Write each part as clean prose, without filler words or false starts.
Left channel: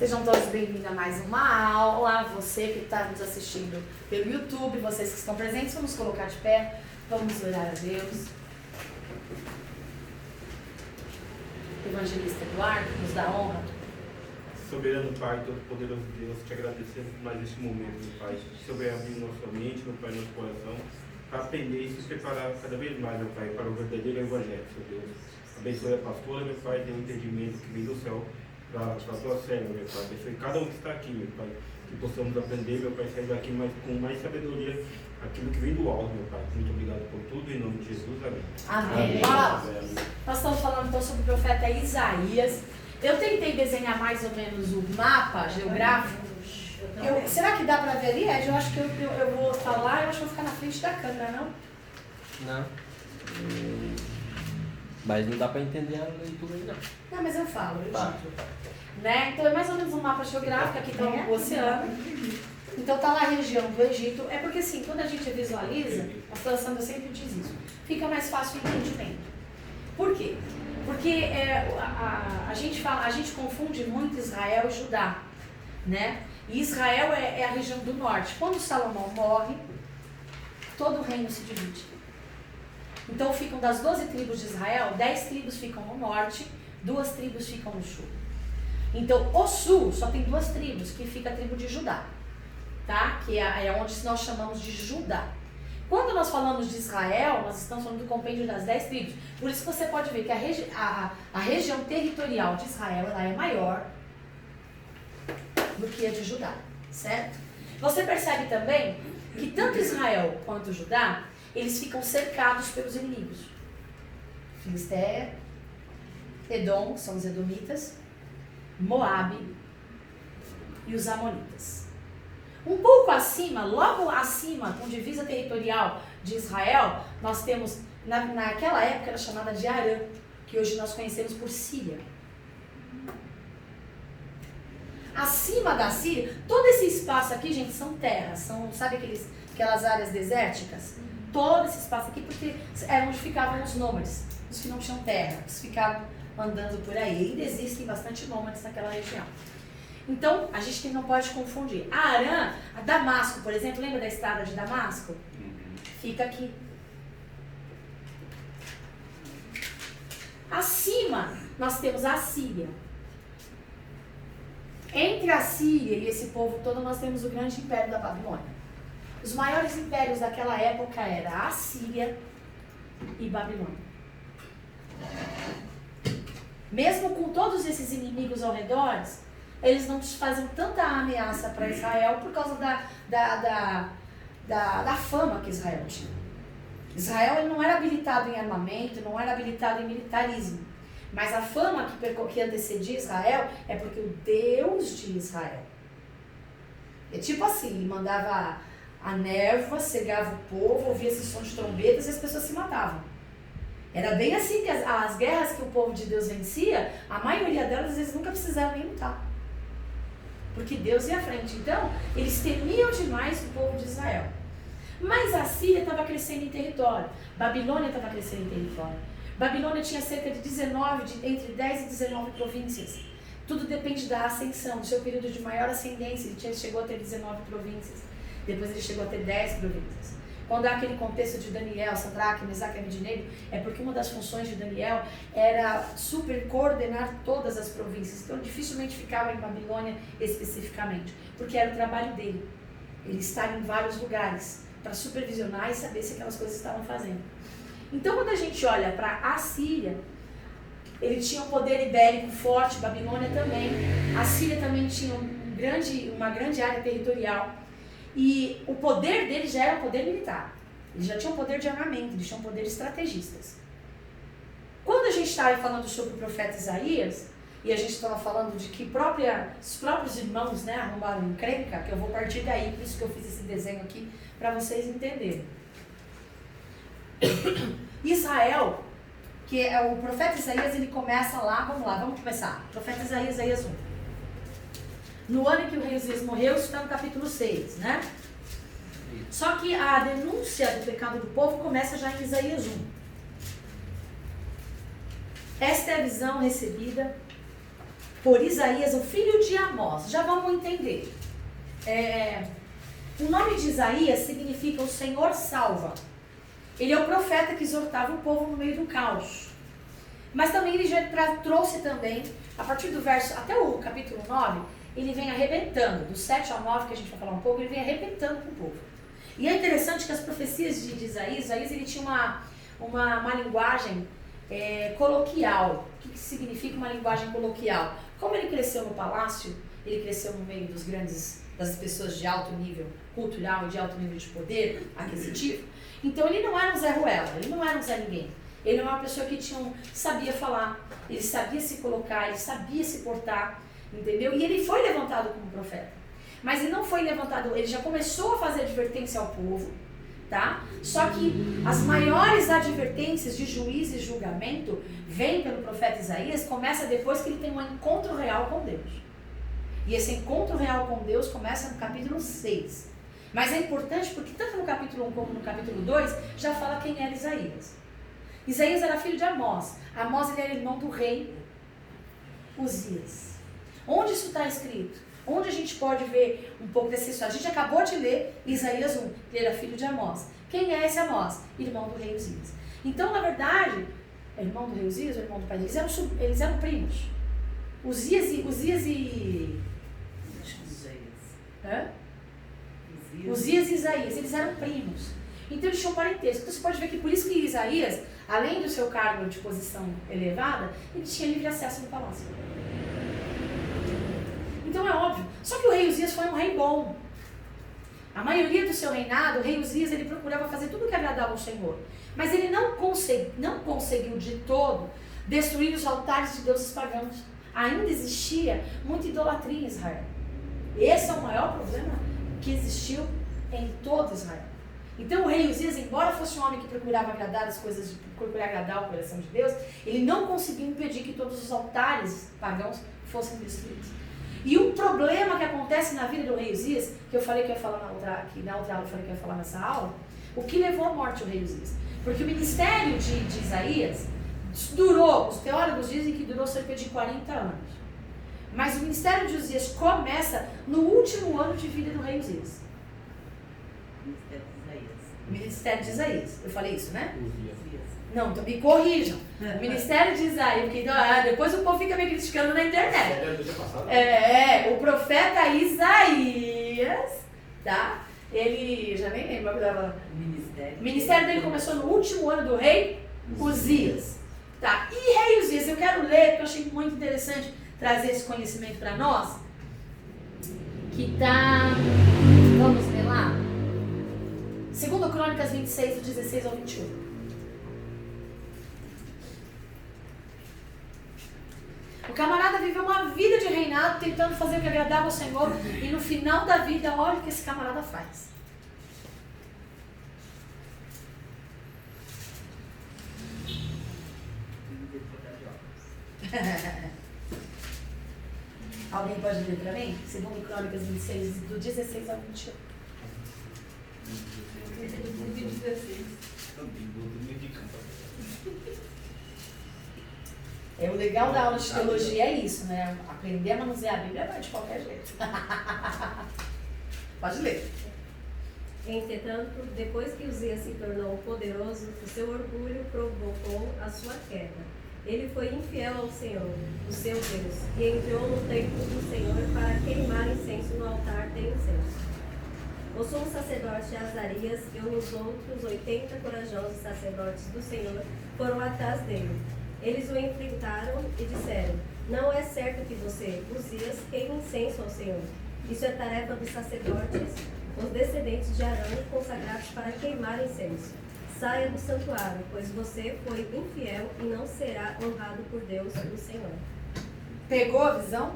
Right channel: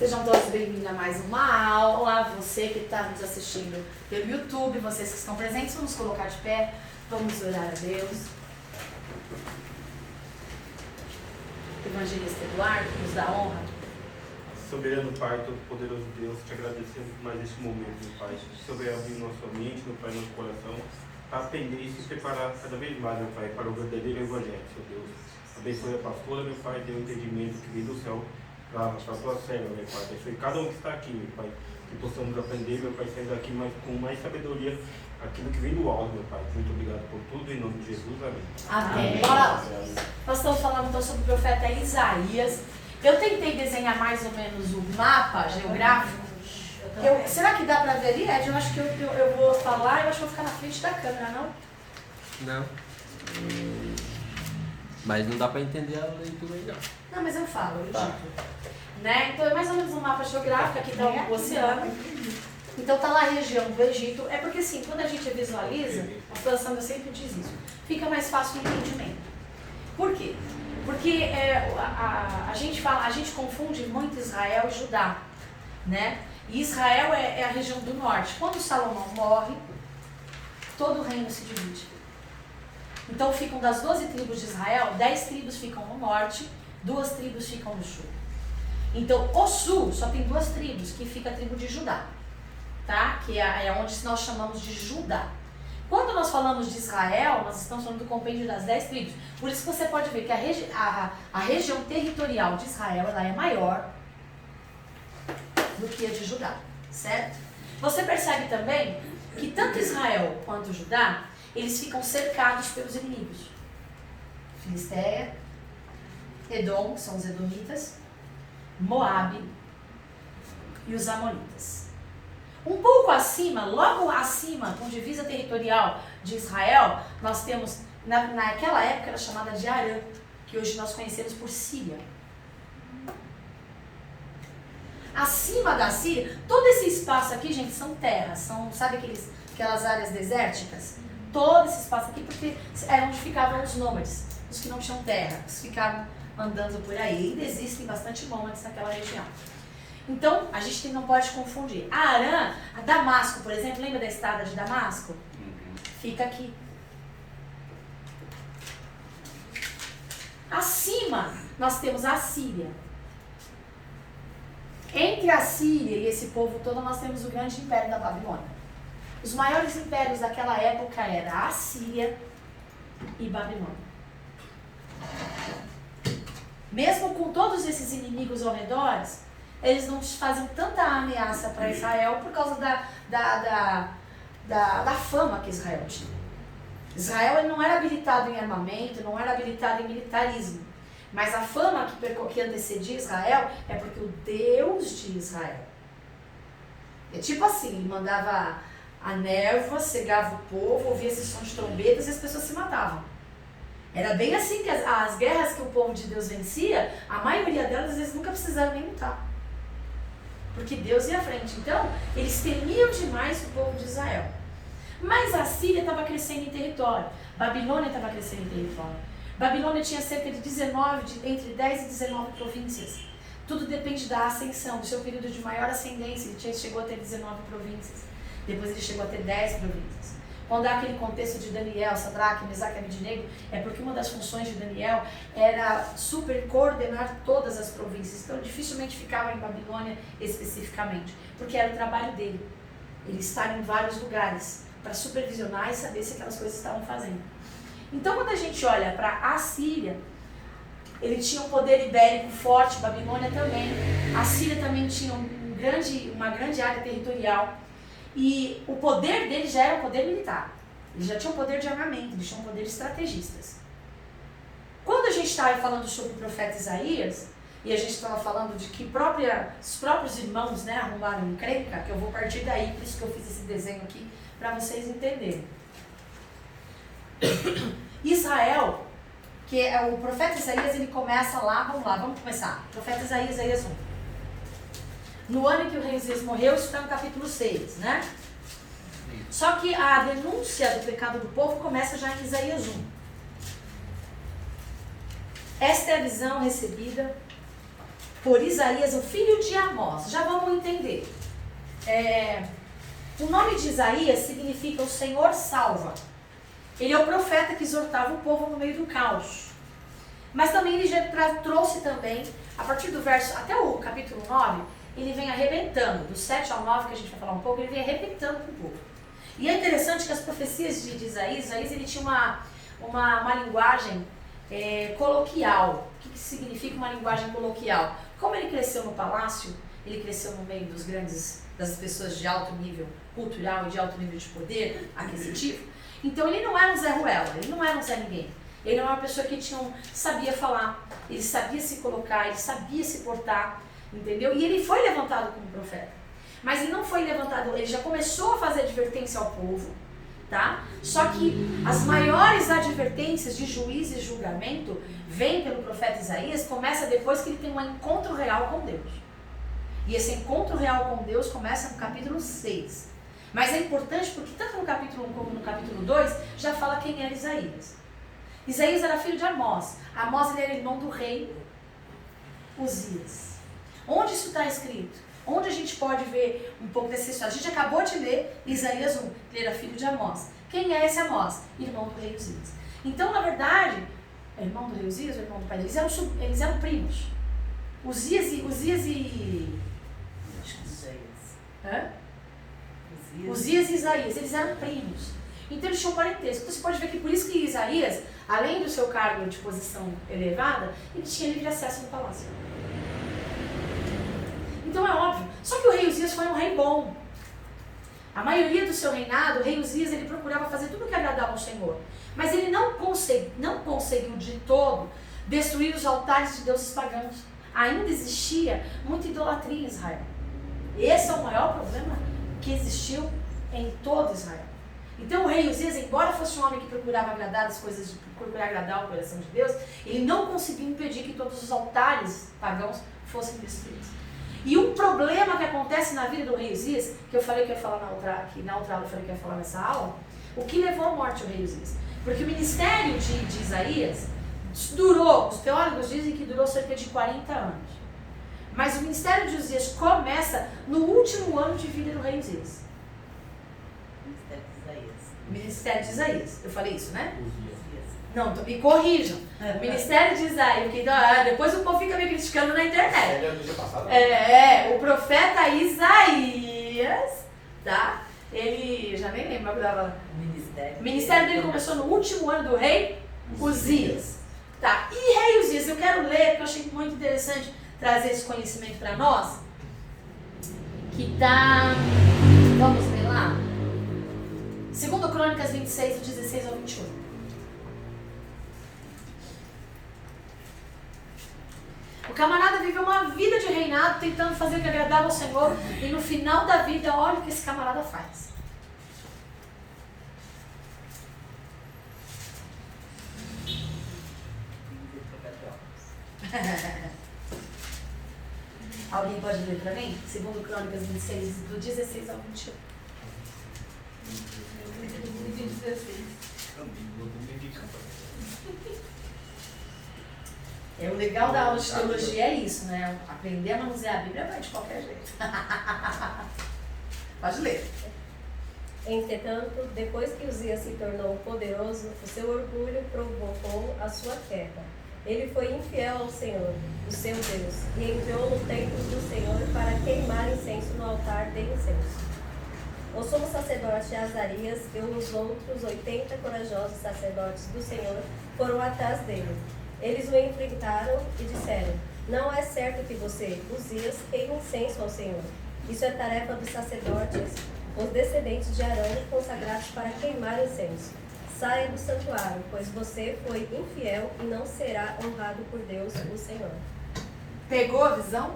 Sejam todos bem-vindos a mais uma aula. Você que está nos assistindo pelo YouTube, vocês que estão presentes, vamos colocar de pé, vamos orar a Deus. Evangelista Eduardo, nos dá honra. Soberano Pai, todo-poderoso Deus, te agradecemos por mais este momento, meu Pai. Que o Senhor venha abrir nossa mente, meu Pai, nosso coração, para aprender e se preparar cada vez mais, meu Pai, para o verdadeiro Evangelho, Senhor Deus. Abençoe a pastora, meu Pai, dê um entendimento que vem do céu para a tua serva, meu Pai. Abençoe cada um que está aqui, meu Pai, que possamos aprender, meu Pai, sair daqui com mais sabedoria, aquilo que vem do alto, meu Pai. Muito obrigado por tudo, em nome de Jesus, amém. Amém. Amém. Nós estamos falando então sobre o profeta Isaías. Eu tentei desenhar mais ou menos o mapa geográfico. Será que dá para ver ali, Ed? Eu acho que eu vou falar, eu acho que eu vou ficar na frente da câmera, não? Não. Mas não dá para entender a leitura aí, não. Não, mas eu falo, eu digo. Né? Então é mais ou menos um mapa geográfico, aqui está o oceano. Então está lá a região do Egito. É porque assim, quando a gente visualiza, a situação sempre diz isso, fica mais fácil o entendimento. Por quê? Porque a gente confunde muito Israel e Judá, né? E Israel é a região do norte. Quando Salomão morre, todo o reino se divide. Então ficam das 12 tribos de Israel, 10 tribos ficam no norte, 2 tribos ficam no sul. Então o sul só tem 2 tribos, que fica a tribo de Judá, tá? Que é onde nós chamamos de Judá. Quando nós falamos de Israel, nós estamos falando do compêndio das 10 tribos. Por isso que você pode ver que a região territorial de Israel ela é maior do que a de Judá, certo? Você percebe também que tanto Israel quanto Judá, eles ficam cercados pelos inimigos. Filisteia, Edom, que são os edomitas, Moabe e os amonitas. Um pouco acima, logo acima, com divisa territorial de Israel, nós temos, naquela época era chamada de Arã, que hoje nós conhecemos por Síria. Acima da Síria, todo esse espaço aqui, gente, são terras, sabe aquelas áreas desérticas? Todo esse espaço aqui, porque é onde ficavam os nômades, os que não tinham terra, os que ficavam andando por aí. E ainda existem bastante nômades naquela região. Então, a gente não pode confundir. A Arã, a Damasco, por exemplo, lembra da estrada de Damasco? Fica aqui. Acima, nós temos a Síria. Entre a Síria e esse povo todo, nós temos o grande império da Babilônia. Os maiores impérios daquela época eram a Síria e Babilônia. Mesmo com todos esses inimigos ao redor, eles não faziam tanta ameaça para Israel por causa da fama que Israel tinha. Israel ele não era habilitado em armamento, não era habilitado em militarismo. Mas a fama que antecedia Israel é porque o Deus de Israel. É tipo assim, ele mandava a névoa, cegava o povo, ouvia esse som de trombetas e as pessoas se matavam. Era bem assim que as guerras que o povo de Deus vencia, a maioria delas eles nunca precisaram nem lutar. Porque Deus ia à frente. Então, eles temiam demais o povo de Israel. Mas a Síria estava crescendo em território. Babilônia estava crescendo em território. Babilônia tinha cerca de entre 10 e 19 províncias. Tudo depende da ascensão, do seu período de maior ascendência. Ele chegou a ter 19 províncias. Depois ele chegou a ter 10 províncias. Quando há aquele contexto de Daniel, Sadraque, Mesaque e Abednego, é porque uma das funções de Daniel era coordenar todas as províncias. Então dificilmente ficava em Babilônia especificamente, porque era o trabalho dele. Ele estar em vários lugares para supervisionar e saber se aquelas coisas estavam fazendo. Então quando a gente olha para a Síria, ele tinha um poder ibérico forte, Babilônia também. A Síria também tinha uma grande área territorial. E o poder dele já era um poder militar. Eles já tinham poder de armamento, eles tinham poder de estrategistas. Quando a gente estava falando sobre o profeta Isaías, e a gente estava falando de que os próprios irmãos, né, arrumaram encrenca, que eu vou partir daí, por isso que eu fiz esse desenho aqui, para vocês entenderem. Israel, que é o profeta Isaías, ele começa lá, vamos começar. Profeta Isaías 1. No ano em que o rei Uzias morreu, isso está no capítulo 6, né? Só que a denúncia do pecado do povo começa já em Isaías 1. Esta é a visão recebida por Isaías, o filho de Amós. Já vamos entender. O nome de Isaías significa o Senhor salva. Ele é o profeta que exortava o povo no meio do caos. Mas também ele já trouxe também, a partir do verso, até o capítulo 9, ele vem arrebentando, do 7 ao 9, que a gente vai falar um pouco, ele vem arrebentando com o povo. E é interessante que as profecias de Isaías ele tinha uma linguagem coloquial. O que significa uma linguagem coloquial? Como ele cresceu no palácio, ele cresceu no meio das pessoas de alto nível cultural e de alto nível de poder aquisitivo, então ele não era um Zé Ruela, ele não era um Zé Ninguém. Ele era uma pessoa que sabia falar, ele sabia se colocar, ele sabia se portar, entendeu? E ele foi levantado como profeta. Mas ele não foi levantado, ele já começou a fazer advertência ao povo, tá? Só que as maiores advertências de juízo e julgamento vêm pelo profeta Isaías, começa depois que ele tem um encontro real com Deus. E esse encontro real com Deus começa no capítulo 6. Mas é importante porque tanto no capítulo 1 como no capítulo 2 já fala quem era Isaías. Isaías era filho de Amós. Amós ele era irmão do rei Uzias. Onde isso está escrito? Onde a gente pode ver um pouco dessa história? A gente acabou de ler Isaías 1, ele era filho de Amós. Quem é esse Amós? Irmão do rei Uzias. Então, na verdade, é irmão do rei Uzias ou irmão do pai dele? Eles eram primos. Uzias e Isaías, eles eram primos. Então eles tinham parentesco. Então você pode ver que por isso que Isaías, além do seu cargo de posição elevada, ele tinha livre acesso no palácio. Então é óbvio. Só que o rei Uzias foi um rei bom. A maioria do seu reinado, o rei Uzias, ele procurava fazer tudo o que agradava ao Senhor. Mas ele não conseguiu de todo destruir os altares de deuses pagãos. Ainda existia muita idolatria em Israel. Esse é o maior problema que existiu em todo Israel. Então o rei Uzias, embora fosse um homem que procurava agradar as coisas, procurar agradar o coração de Deus, ele não conseguiu impedir que todos os altares pagãos fossem destruídos. E um problema que acontece na vida do rei Uzias, que eu falei que ia falar na outra aula, eu falei que ia falar nessa aula, o que levou à morte o rei Uzias? Porque o ministério de Isaías durou, os teólogos dizem que durou cerca de 40 anos. Mas o ministério de Uzias começa no último ano de vida do rei Uzias. Ministério de Isaías. Eu falei isso, né? Não, então me corrijam. Ministério de Isaías, porque depois o povo fica me criticando na internet. O profeta Isaías, tá? Ele, já nem lembro, o ministério dele começou no último ano do rei Uzias. Tá, e rei Uzias, eu quero ler, porque eu achei muito interessante trazer esse conhecimento para nós, que tá, vamos ver lá, 2 Crônicas 26, do 16 ao 21. O camarada viveu uma vida de reinado, tentando fazer o que agradava ao Senhor, e no final da vida, olha o que esse camarada faz. Alguém pode ler para mim? 2 Crônicas 26, do 16 ao 21. O legal da aula de teologia é isso, né? Aprender a manusear a Bíblia vai de qualquer jeito. Pode ler. Entretanto, depois que Uzias se tornou poderoso, o seu orgulho provocou a sua queda. Ele foi infiel ao Senhor, o seu Deus, e entrou no templo do Senhor para queimar incenso no altar de incenso. O sumo sacerdote Azarias e os outros 80 corajosos sacerdotes do Senhor foram atrás dele. Eles o enfrentaram e disseram: não é certo que você, Uzias, queime incenso ao Senhor. Isso é tarefa dos sacerdotes, os descendentes de Arão, consagrados para queimar incenso. Saia do santuário, pois você foi infiel e não será honrado por Deus, o Senhor. Pegou a visão?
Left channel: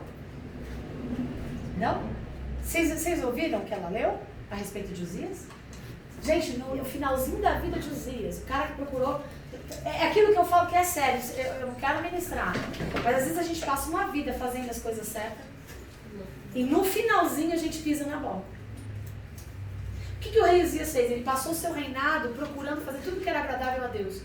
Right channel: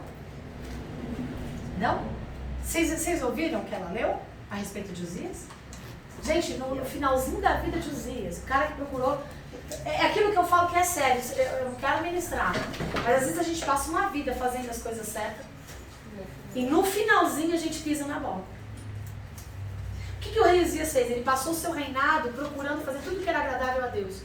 Não? Vocês ouviram o que ela leu a respeito de Uzias? Gente, no finalzinho da vida de Uzias, o cara que procurou... É aquilo que eu falo que é sério, eu não quero ministrar. Mas às vezes a gente passa uma vida fazendo as coisas certas e no finalzinho a gente pisa na bola. O que o rei Uzias fez? Ele passou o seu reinado procurando fazer tudo que era agradável a Deus.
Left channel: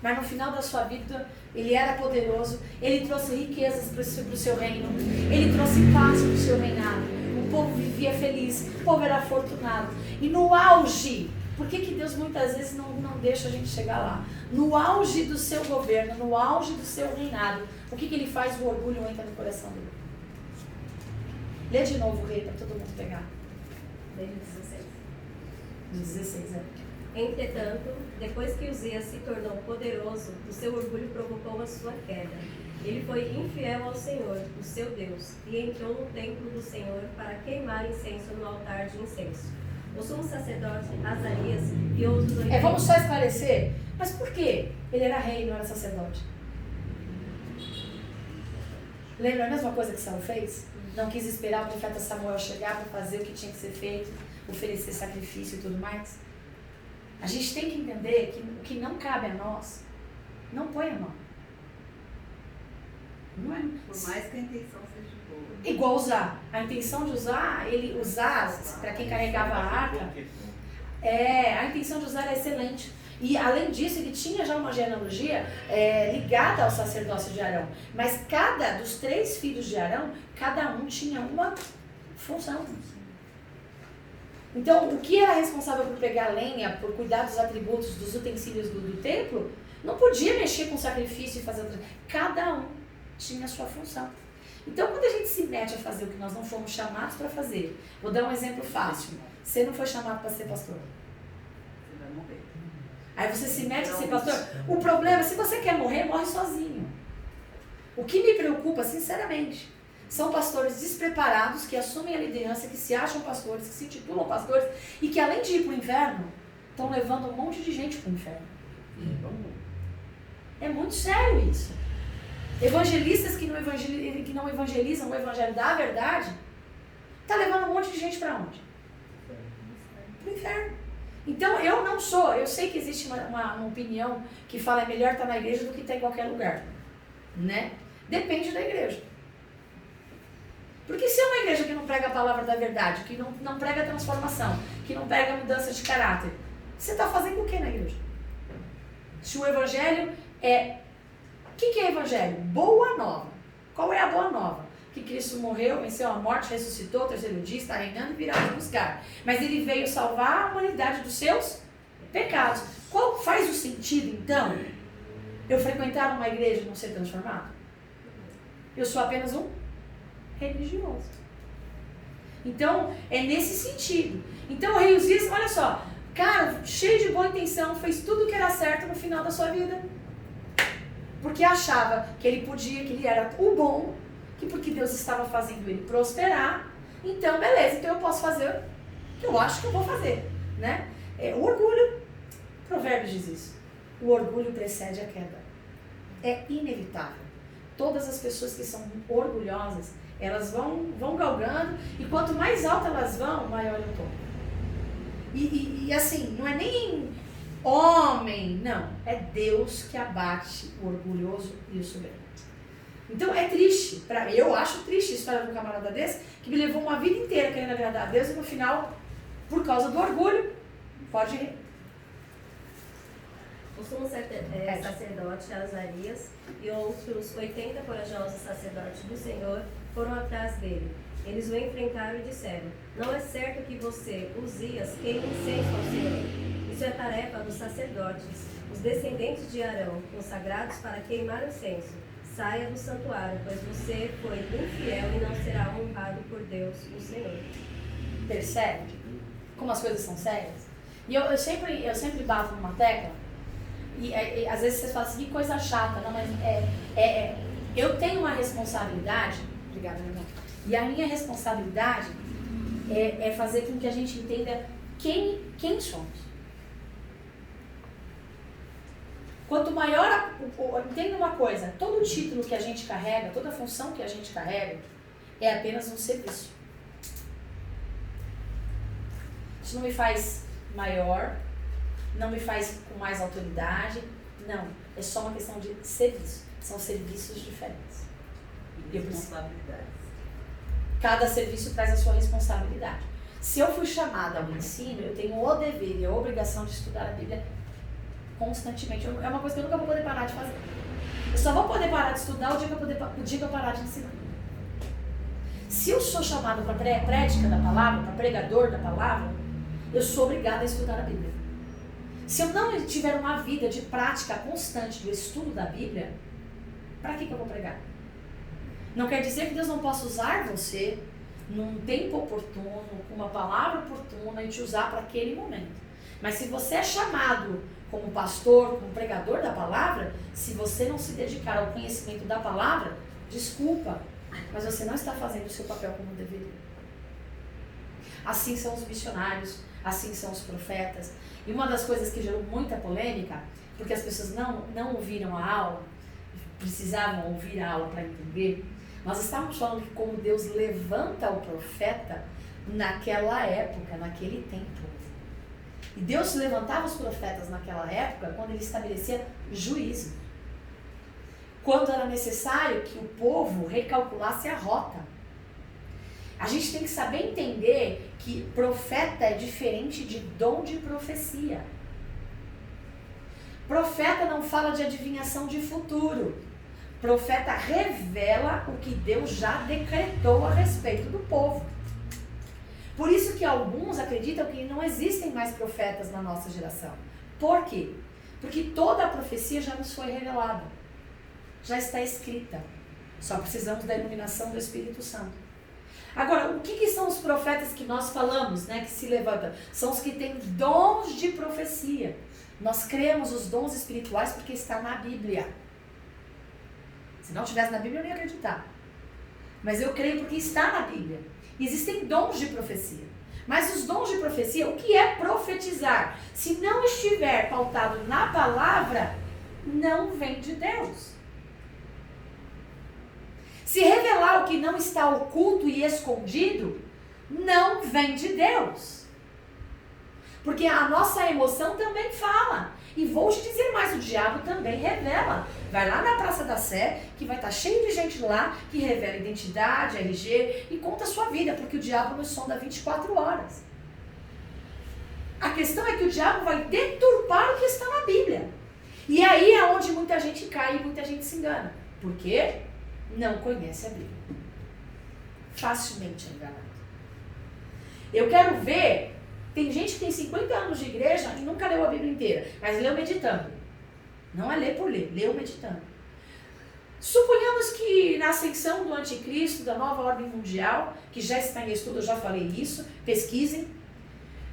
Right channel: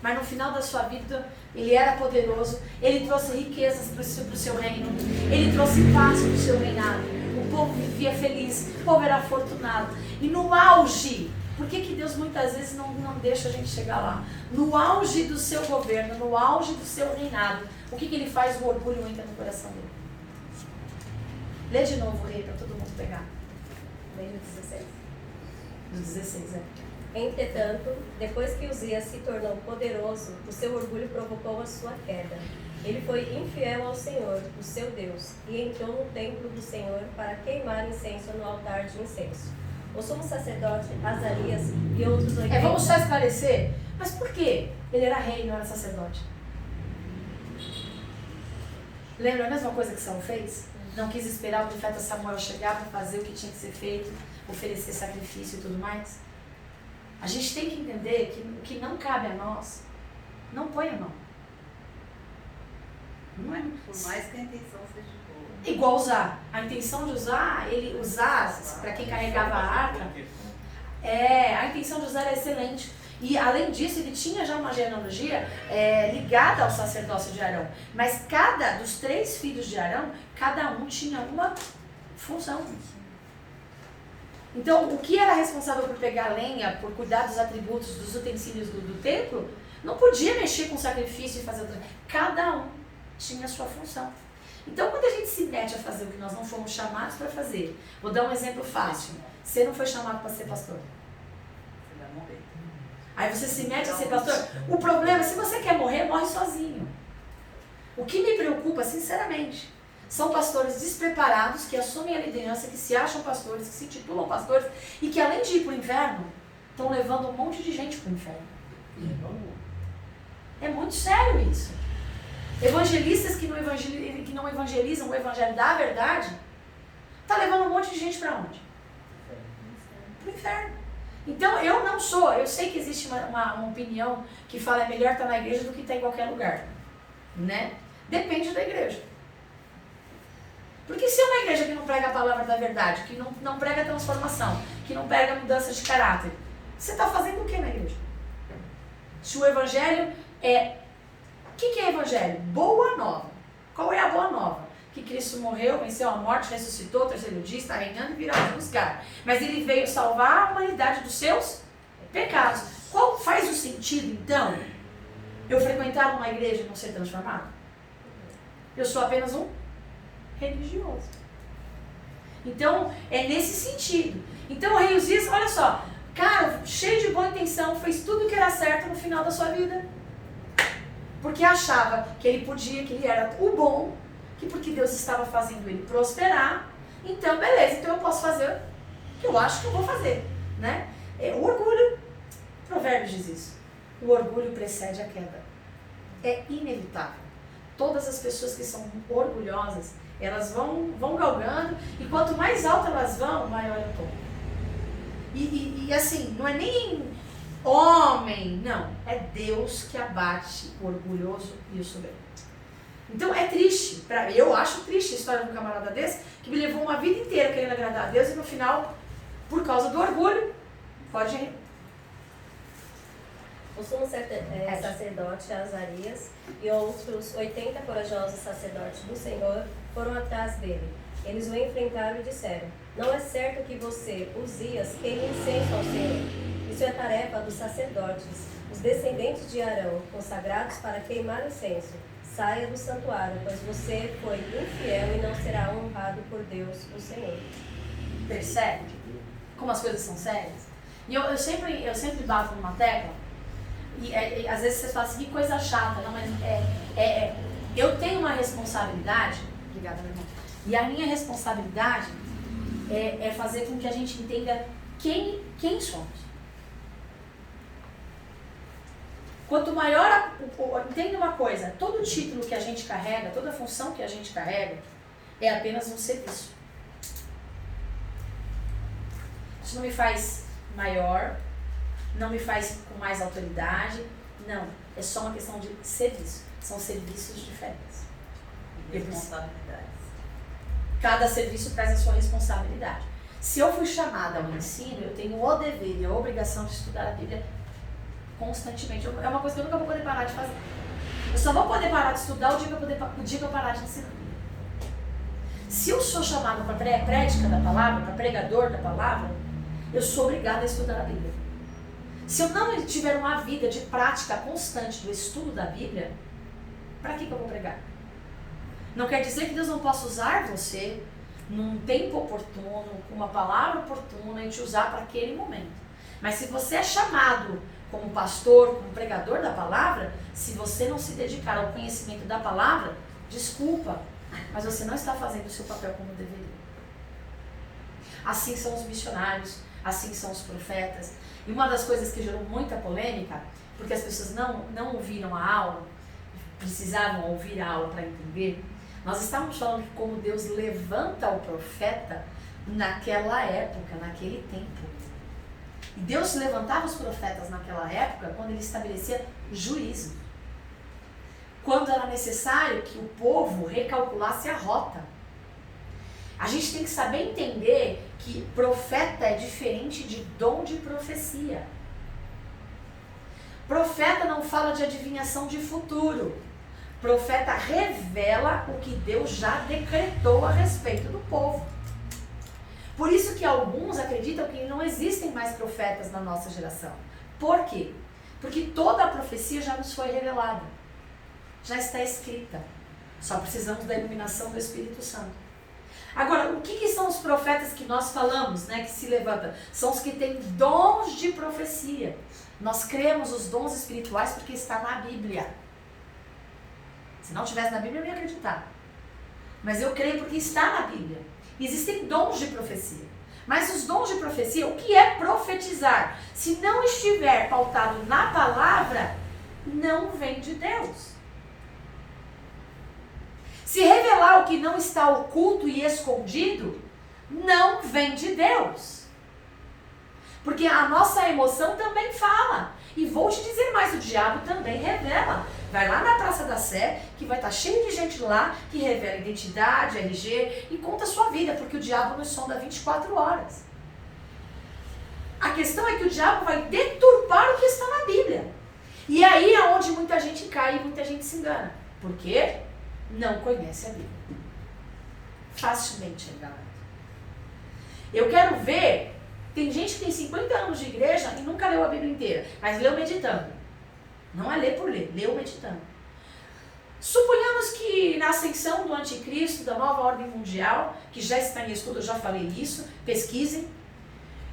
Mas no final da sua vida, ele era poderoso, ele trouxe riquezas para o seu reino, ele trouxe paz para o seu reinado. O povo vivia feliz, o povo era afortunado. E no auge, por que Deus muitas vezes não deixa a gente chegar lá? No auge do seu governo, no auge do seu reinado, o que ele faz? O orgulho entra no coração dele. Lê de novo, Rei, para todo mundo pegar. Lê no 16. No 16, é. Entretanto, depois que Uzias se tornou poderoso, o seu orgulho provocou a sua queda. Ele foi infiel ao Senhor, o seu Deus, e entrou no templo do Senhor para queimar incenso no altar de incenso. O sumo sacerdote Azarias e outros 80... Vamos só esclarecer, mas por quê? Ele era rei, não era sacerdote. Lembra a mesma coisa que Saul fez? Não quis esperar o profeta Samuel chegar para fazer o que tinha que ser feito, oferecer sacrifício e tudo mais. A gente tem que entender que o que não cabe a nós, não põe a mão. Não é? Por mais que a intenção seja boa. Igual usar. A intenção de usar, ele usar, para quem carregava a arca, a intenção de usar era excelente. E além disso, ele tinha já uma genealogia ligada ao sacerdócio de Arão. Mas cada dos 3 filhos de Arão, cada um tinha uma função. Então, o que era responsável por pegar lenha, por cuidar dos atributos, dos utensílios do templo, não podia mexer com sacrifício e fazer... Cada um tinha a sua função. Então, quando a gente se mete a fazer o que nós não fomos chamados para fazer, vou dar um exemplo fácil. Você não foi chamado para ser pastor. Você vai morrer. Aí você se mete a ser pastor. O problema é, se você quer morrer, morre sozinho. O que me preocupa, sinceramente, são pastores despreparados que assumem a liderança, que se acham pastores, que se titulam pastores e que, além de ir para o inferno, estão levando um monte de gente para o inferno. É muito sério isso. Evangelistas que não evangelizam o evangelho da verdade, está levando um monte de gente para onde? Para o inferno. Então, eu sei que existe uma opinião que fala é melhor estar na igreja do que estar em qualquer lugar, né? Depende da igreja. Porque se é uma igreja que não prega a palavra da verdade, que não prega a transformação, que não prega a mudança de caráter, você está fazendo o que na igreja? Se o evangelho é... O que é evangelho? Boa nova. Qual é a boa nova? Que Cristo morreu, venceu a morte, ressuscitou, 3º dia, está reinando e virá nos buscar. Mas ele veio salvar a humanidade dos seus pecados. Qual faz o sentido, então, eu frequentar uma igreja e não ser transformado? Eu sou apenas um religioso. Então, é nesse sentido. Então, o rei Uzias, olha só, cara, cheio de boa intenção, fez tudo o que era certo no final da sua vida. Porque achava que ele podia, que ele era o bom, que porque Deus estava fazendo ele prosperar, então beleza, então eu posso fazer o que eu acho que eu vou fazer, né? O orgulho, Provérbios diz isso, o orgulho precede a queda, é inevitável. Todas as pessoas que são orgulhosas, elas vão galgando, e quanto mais alto elas vão, maior é o tombo. E assim, não é nem homem, não, é Deus que abate o orgulhoso e o soberbo. Então é triste, eu acho triste a história de um camarada desse, que me levou uma vida inteira querendo agradar a Deus e no final, por causa do orgulho, pode... O sumo sacerdote Azarias e outros 80 corajosos sacerdotes do Senhor foram atrás dele. Eles o enfrentaram e disseram: não é certo que você, Uzias, queime incenso ao Senhor. Isso é tarefa dos sacerdotes, os descendentes de Arão, consagrados para queimar incenso. Saia do santuário, pois você foi infiel e não será honrado por Deus, o Senhor. Percebe como as coisas são sérias? E eu sempre bato numa tecla, e às vezes vocês falam assim, que coisa chata, não, mas eu tenho uma responsabilidade, obrigada, meu irmão, e a minha responsabilidade é fazer com que a gente entenda quem somos. Quanto maior, entenda uma coisa, todo título que a gente carrega, toda função que a gente carrega, é apenas um serviço. Isso não me faz maior, não me faz com mais autoridade, não. É só uma questão de serviço. São serviços diferentes. E responsabilidades. Cada serviço traz a sua responsabilidade. Se eu fui chamada ao ensino, eu tenho o dever e a obrigação de estudar a Bíblia constantemente. É uma coisa que eu nunca vou poder parar de fazer. Eu só vou poder parar de estudar o dia que eu parar de ensinar. Se eu sou chamado para prédica da palavra, para pregador da palavra, eu sou obrigada a estudar a Bíblia. Se eu não tiver uma vida de prática constante do estudo da Bíblia, para que eu vou pregar? Não quer dizer que Deus não possa usar você num tempo oportuno, com uma palavra oportuna e te usar para aquele momento. Mas se você é chamado como pastor, como pregador da palavra, se você não se dedicar ao conhecimento da palavra, desculpa, mas você não está fazendo o seu papel como deveria. Assim são os missionários, assim são os profetas. E uma das coisas que gerou muita polêmica, porque as pessoas não ouviram a aula, precisavam ouvir a aula para entender, nós estávamos falando de como Deus levanta o profeta naquela época, naquele tempo. E Deus levantava os profetas naquela época quando ele estabelecia juízo. Quando era necessário que o povo recalculasse a rota. A gente tem que saber entender que profeta é diferente de dom de profecia. Profeta não fala de adivinhação de futuro. Profeta revela o que Deus já decretou a respeito do povo. Por isso que alguns acreditam que não existem mais profetas na nossa geração. Por quê? Porque toda a profecia já nos foi revelada. Já está escrita. Só precisamos da iluminação do Espírito Santo. Agora, o que são os profetas que nós falamos, né, que se levantam? São os que têm dons de profecia. Nós cremos os dons espirituais porque está na Bíblia. Se não tivesse na Bíblia, eu não ia acreditar. Mas eu creio porque está na Bíblia. Existem dons de profecia. Mas os dons de profecia, o que é profetizar? Se não estiver pautado na palavra, não vem de Deus. Se revelar o que não está oculto e escondido, não vem de Deus. Porque a nossa emoção também fala. E vou te dizer mais, o diabo também revela. Vai lá na Praça da Sé, que vai estar cheio de gente lá, que revela identidade, RG, e conta a sua vida, porque o diabo nos sonda 24 horas. A questão é que o diabo vai deturpar o que está na Bíblia. E aí é onde muita gente cai e muita gente se engana. Por quê? Não conhece a Bíblia. Facilmente enganado. Eu quero ver, tem gente que tem 50 anos de igreja e nunca leu a Bíblia inteira, mas leu meditando. Não é ler por ler, leu meditando. Suponhamos que na ascensão do anticristo, da nova ordem mundial, que já está em estudo, eu já falei isso, pesquisem,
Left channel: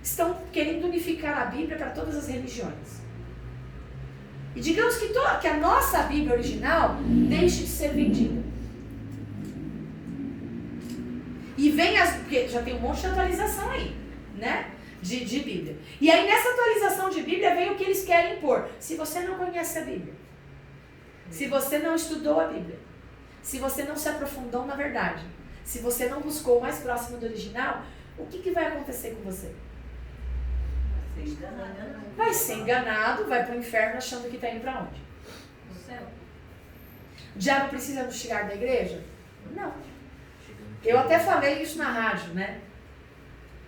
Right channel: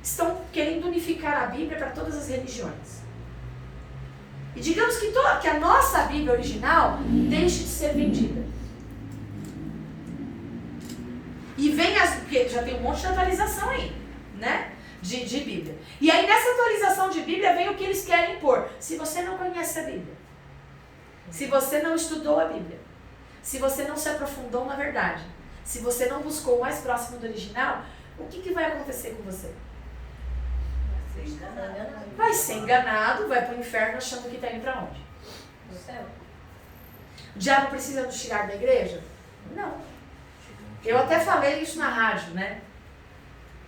estão querendo unificar a Bíblia para todas as religiões. E digamos que a nossa Bíblia original deixe de ser vendida. E vem porque já tem um monte de atualização aí, né? De Bíblia. E aí nessa atualização de Bíblia vem o que eles querem pôr. Se você não conhece a Bíblia, se você não estudou a Bíblia, se você não se aprofundou na verdade, se você não buscou o mais próximo do original, o que vai acontecer com você? Vai ser enganado, vai para o inferno achando que está indo para onde? No céu. O diabo precisa nos tirar da igreja? Não. Eu até falei isso na rádio, né?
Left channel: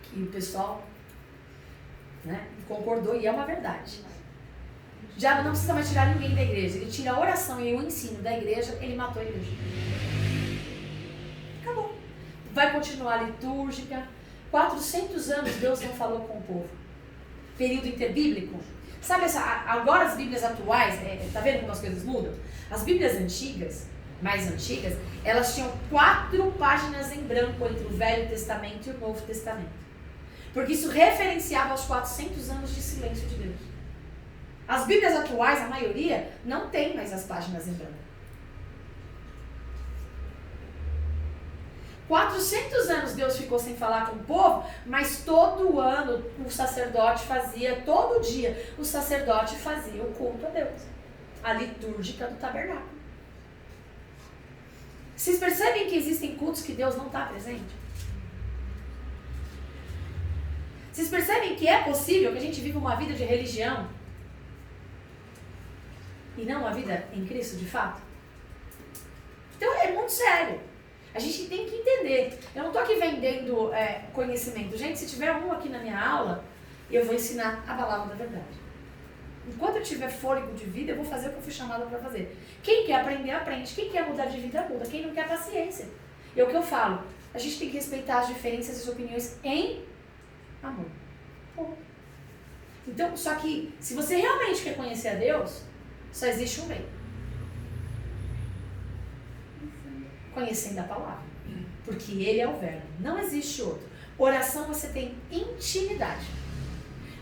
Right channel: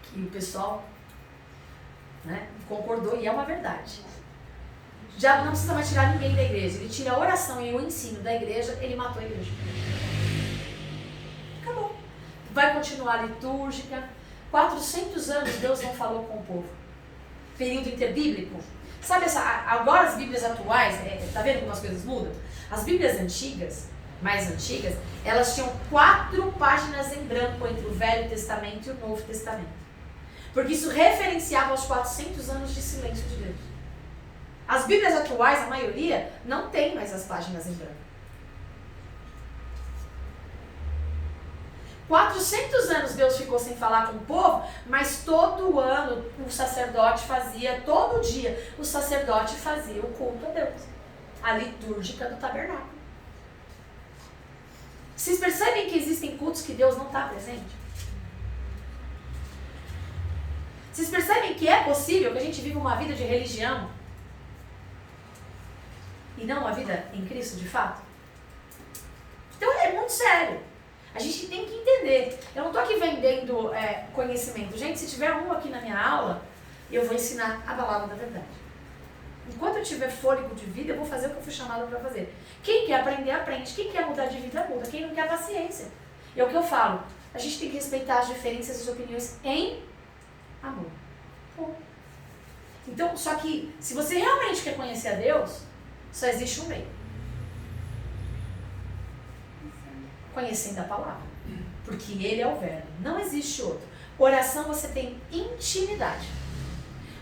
Que o pessoal, né, concordou e é uma verdade. O diabo não precisa mais tirar ninguém da igreja. Ele tira a oração e o ensino da igreja, ele matou a igreja. Acabou. Vai continuar a litúrgica. 400 anos Deus não falou com o povo. Período interbíblico. Sabe, agora as Bíblias atuais, tá vendo como as coisas mudam? As Bíblias antigas, mais antigas, elas tinham 4 páginas em branco entre o Velho Testamento e o Novo Testamento. Porque isso referenciava os 400 anos de silêncio de Deus. As Bíblias atuais, a maioria, não tem mais as páginas em branco. 400 anos Deus ficou sem falar com o povo, mas todo ano o sacerdote fazia, todo dia, o sacerdote fazia o culto a Deus. A litúrgica do tabernáculo. Vocês percebem que existem cultos que Deus não está presente? Vocês percebem que é possível que a gente viva uma vida de religião e não uma vida em Cristo de fato? Então é muito sério. A gente tem que entender. Eu não estou aqui vendendo conhecimento. Gente, se tiver um aqui na minha aula, eu vou ensinar a palavra da verdade. Enquanto eu tiver fôlego de vida, eu vou fazer o que eu fui chamada para fazer. Quem quer aprender, aprende. Quem quer mudar de vida, muda. Quem não quer, paciência. É o que eu falo. A gente tem que respeitar as diferenças e as opiniões em amor. Bom. Então, só que, se você realmente quer conhecer a Deus, só existe um meio. Conhecendo a palavra. Porque Ele é o verbo. Não existe outro. Oração, você tem intimidade.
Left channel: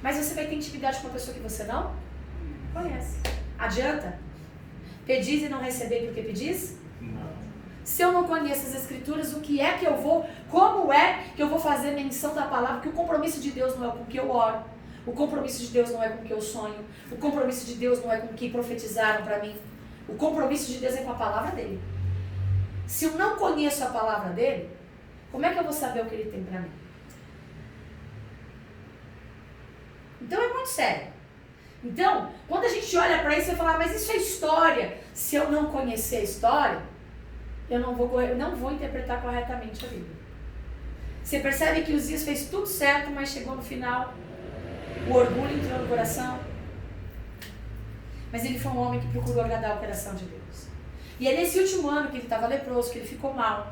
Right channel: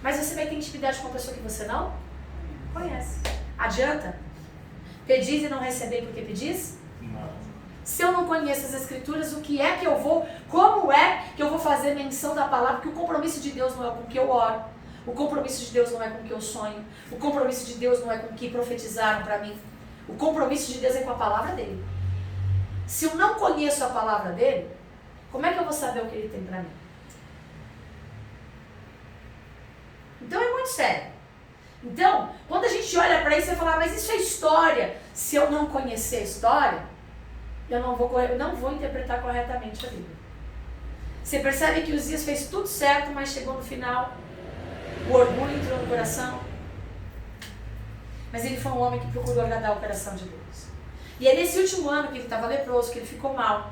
Mas você vai ter intimidade com uma pessoa que você não conhece. Adianta? Pedis e não receber porque pedis? Não. Se eu não conheço as escrituras, o que é que eu vou, como é que eu vou fazer menção da palavra? Porque o compromisso de Deus não é com o que eu oro. O compromisso de Deus não é com o que eu sonho. O compromisso de Deus não é com o que profetizaram para mim. O compromisso de Deus é com a palavra dele. Se eu não conheço a palavra dele, como é que eu vou saber o que ele tem para mim? Então é muito sério. Então, quando a gente olha para isso e fala, mas isso é história. Se eu não conhecer a história, eu não vou interpretar corretamente a Bíblia. Você percebe que Uzias fez tudo certo, mas chegou no final, o orgulho entrou no coração. Mas ele foi um homem que procurou agradar o coração de Deus. E é nesse último ano que ele estava leproso, que ele ficou mal,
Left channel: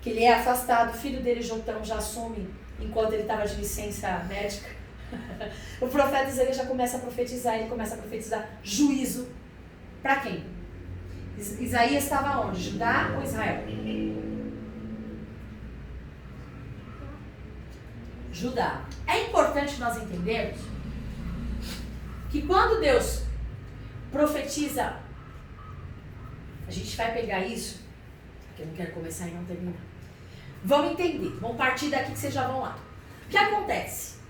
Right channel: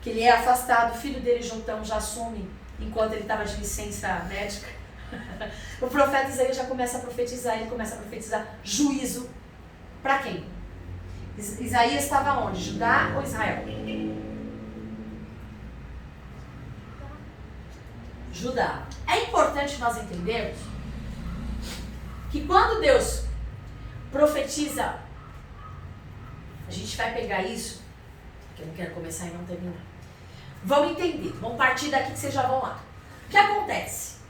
que ele é afastado, o filho dele, Jotão, já assume, enquanto ele estava de licença médica. O profeta Isaías já começa a profetizar, ele começa a profetizar juízo. Para quem? Isaías estava onde? Judá ou Israel? Judá. É importante nós entendermos que quando Deus profetiza, a gente vai pegar isso, que eu não quero começar e não terminar. Vamos entender, vamos partir daqui que vocês já vão lá. O que acontece?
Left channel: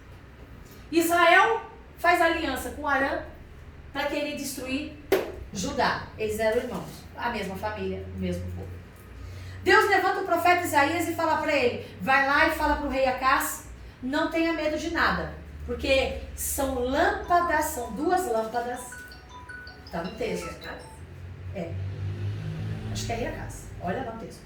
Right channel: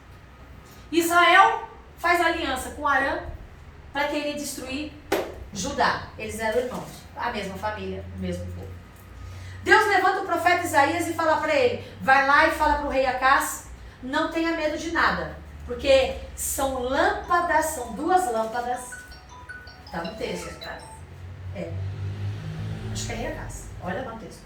Israel faz aliança com Arã para querer destruir Judá. Eles eram irmãos, a mesma família, o mesmo povo. Deus levanta o profeta Isaías e fala para ele, vai lá e fala para o rei Acás, não tenha medo de nada, porque são lâmpadas, são duas lâmpadas, tá no texto. É, acho que é rei Acás, olha lá o texto,